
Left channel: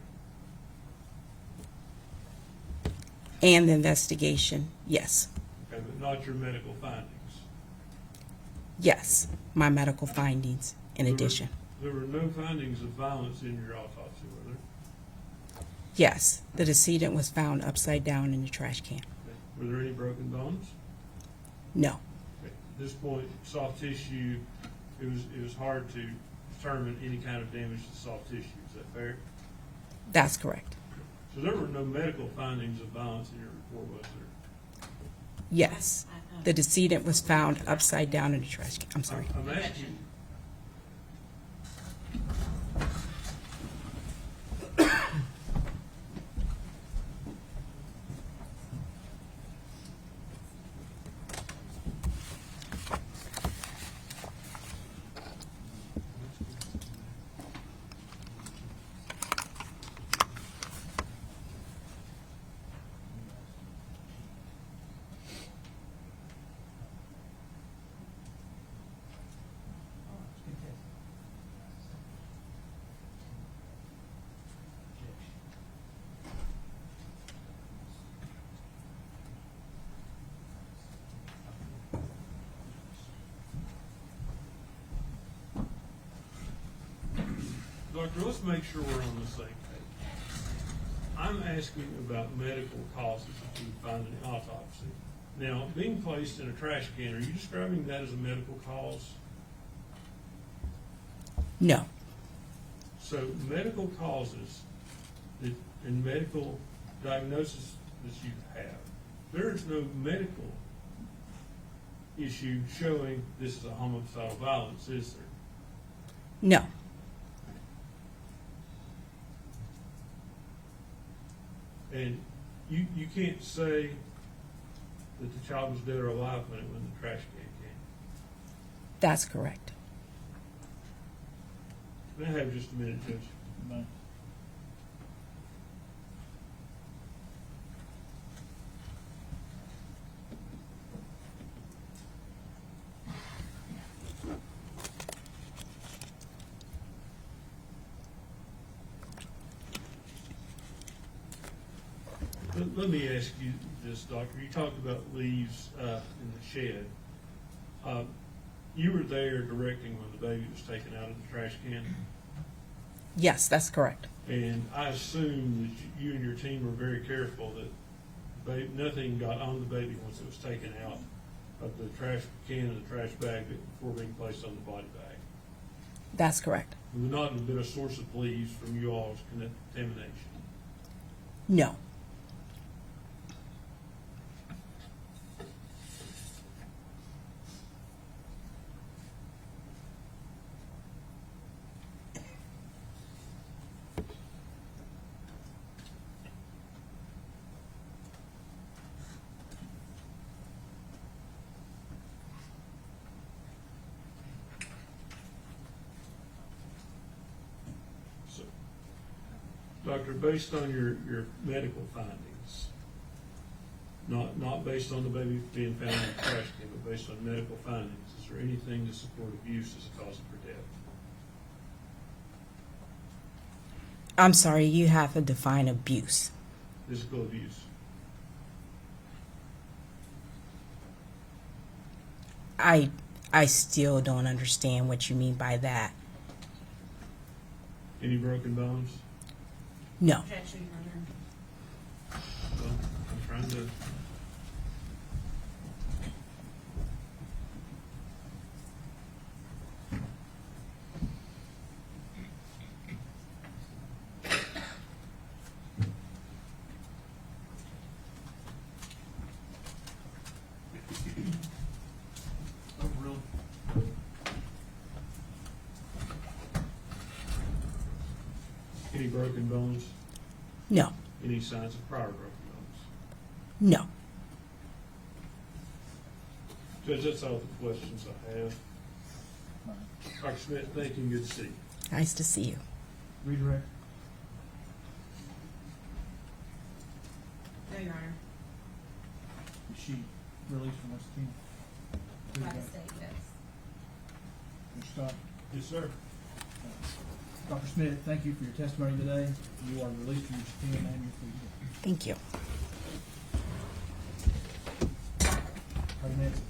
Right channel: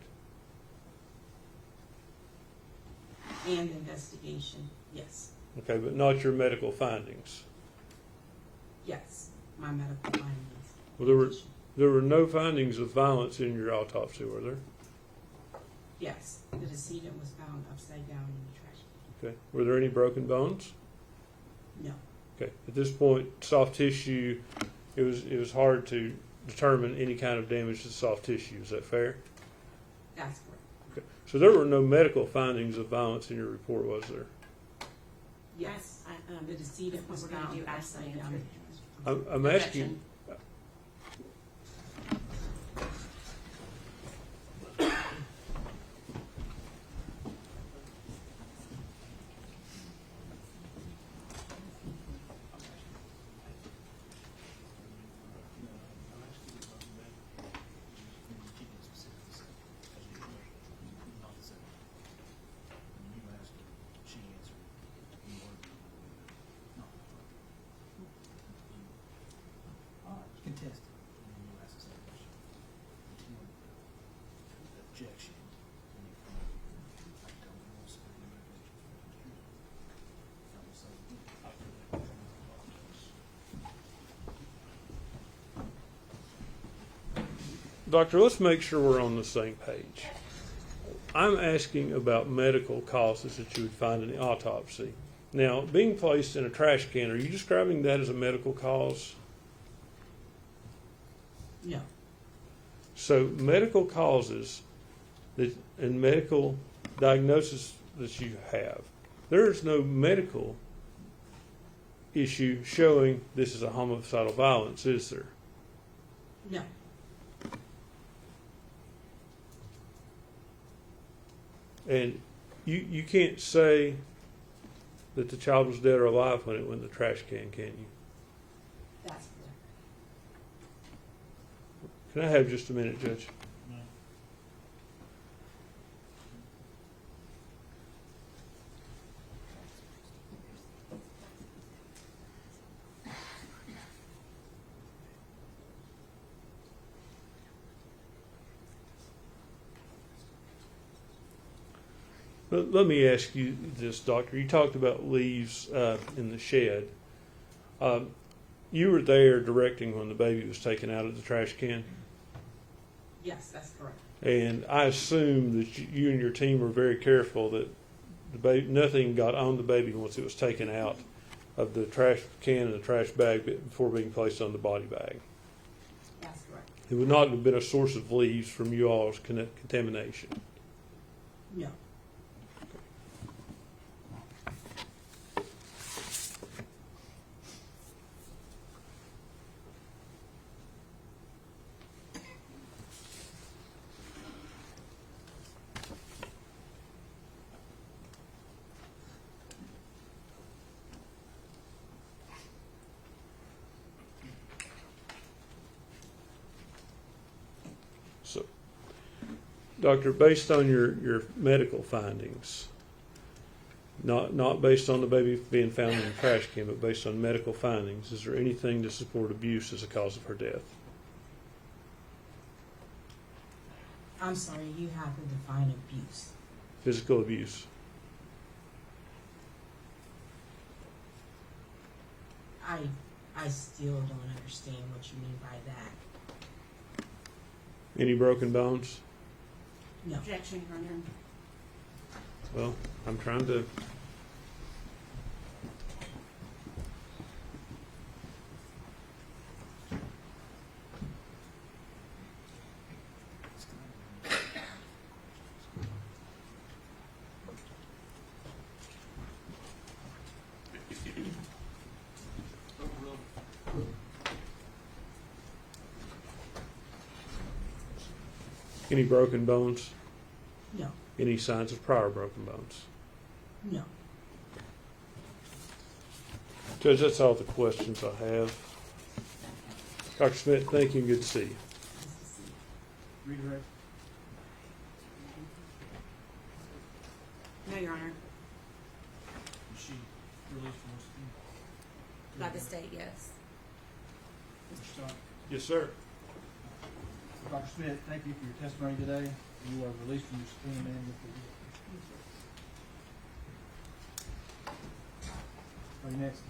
And the investigation, yes. Okay, but not your medical findings. Yes, my medical findings in There were- addition. There were no findings of violence in your autopsy, were there? Yes, the decedent was found upside down in the trash can. Okay. Were there any broken bones? No, Okay. At this point, soft tissue, it was hard to determine any kind of damage to soft tissue. Is that fair? that's correct. Okay. So there were no medical findings of violence in your report, was there? Yes, the decedent was found upside down in the trash can. I'm sorry. I'm asking. Doctor, let's make sure we're on the same page. I'm asking about medical causes that you would find in the autopsy. Now, being placed in a trash can, are you describing that as a medical cause? No. So medical causes that, and medical diagnosis that you have, there is no medical issue showing this is a homicidal violence, is there? No. And you can't say that the child was dead or alive when it went in the trash can you? That's correct. Can I have just a minute, Judge? No. Let me ask you this, Doctor. You talked about leaves in the shed. You were there directing when the baby was taken out of the trash can, Yes, that's correct. and I assume that you and your team were very careful that the baby, nothing got on the baby once it was taken out of the trash can and the trash bag before being placed on the body bag. That's correct. It would not have been a source of leaves from you all's contamination. No. So, Doctor, based on your medical findings, not based on the baby being found in the trash can, but based on medical findings, is there anything to support abuse as a cause of her death? I'm sorry, you have to define abuse. Physical abuse? I still don't understand what you mean by that. Any broken bones? No. Objection, Your Honor. Well, I'm trying to. Any broken bones? No. Any signs of prior broken bones? No. Judge, that's all the questions I have. Dr. Schmidt, thank you and good to see you. Nice to see you. Redirect. No, Your Honor. Is she released from West Virginia? By the state, yes. Mr. Scott. Yes, sir. Dr. Schmidt, thank you for your testimony today. You are released from your subpoena and your plea. Thank you. Our next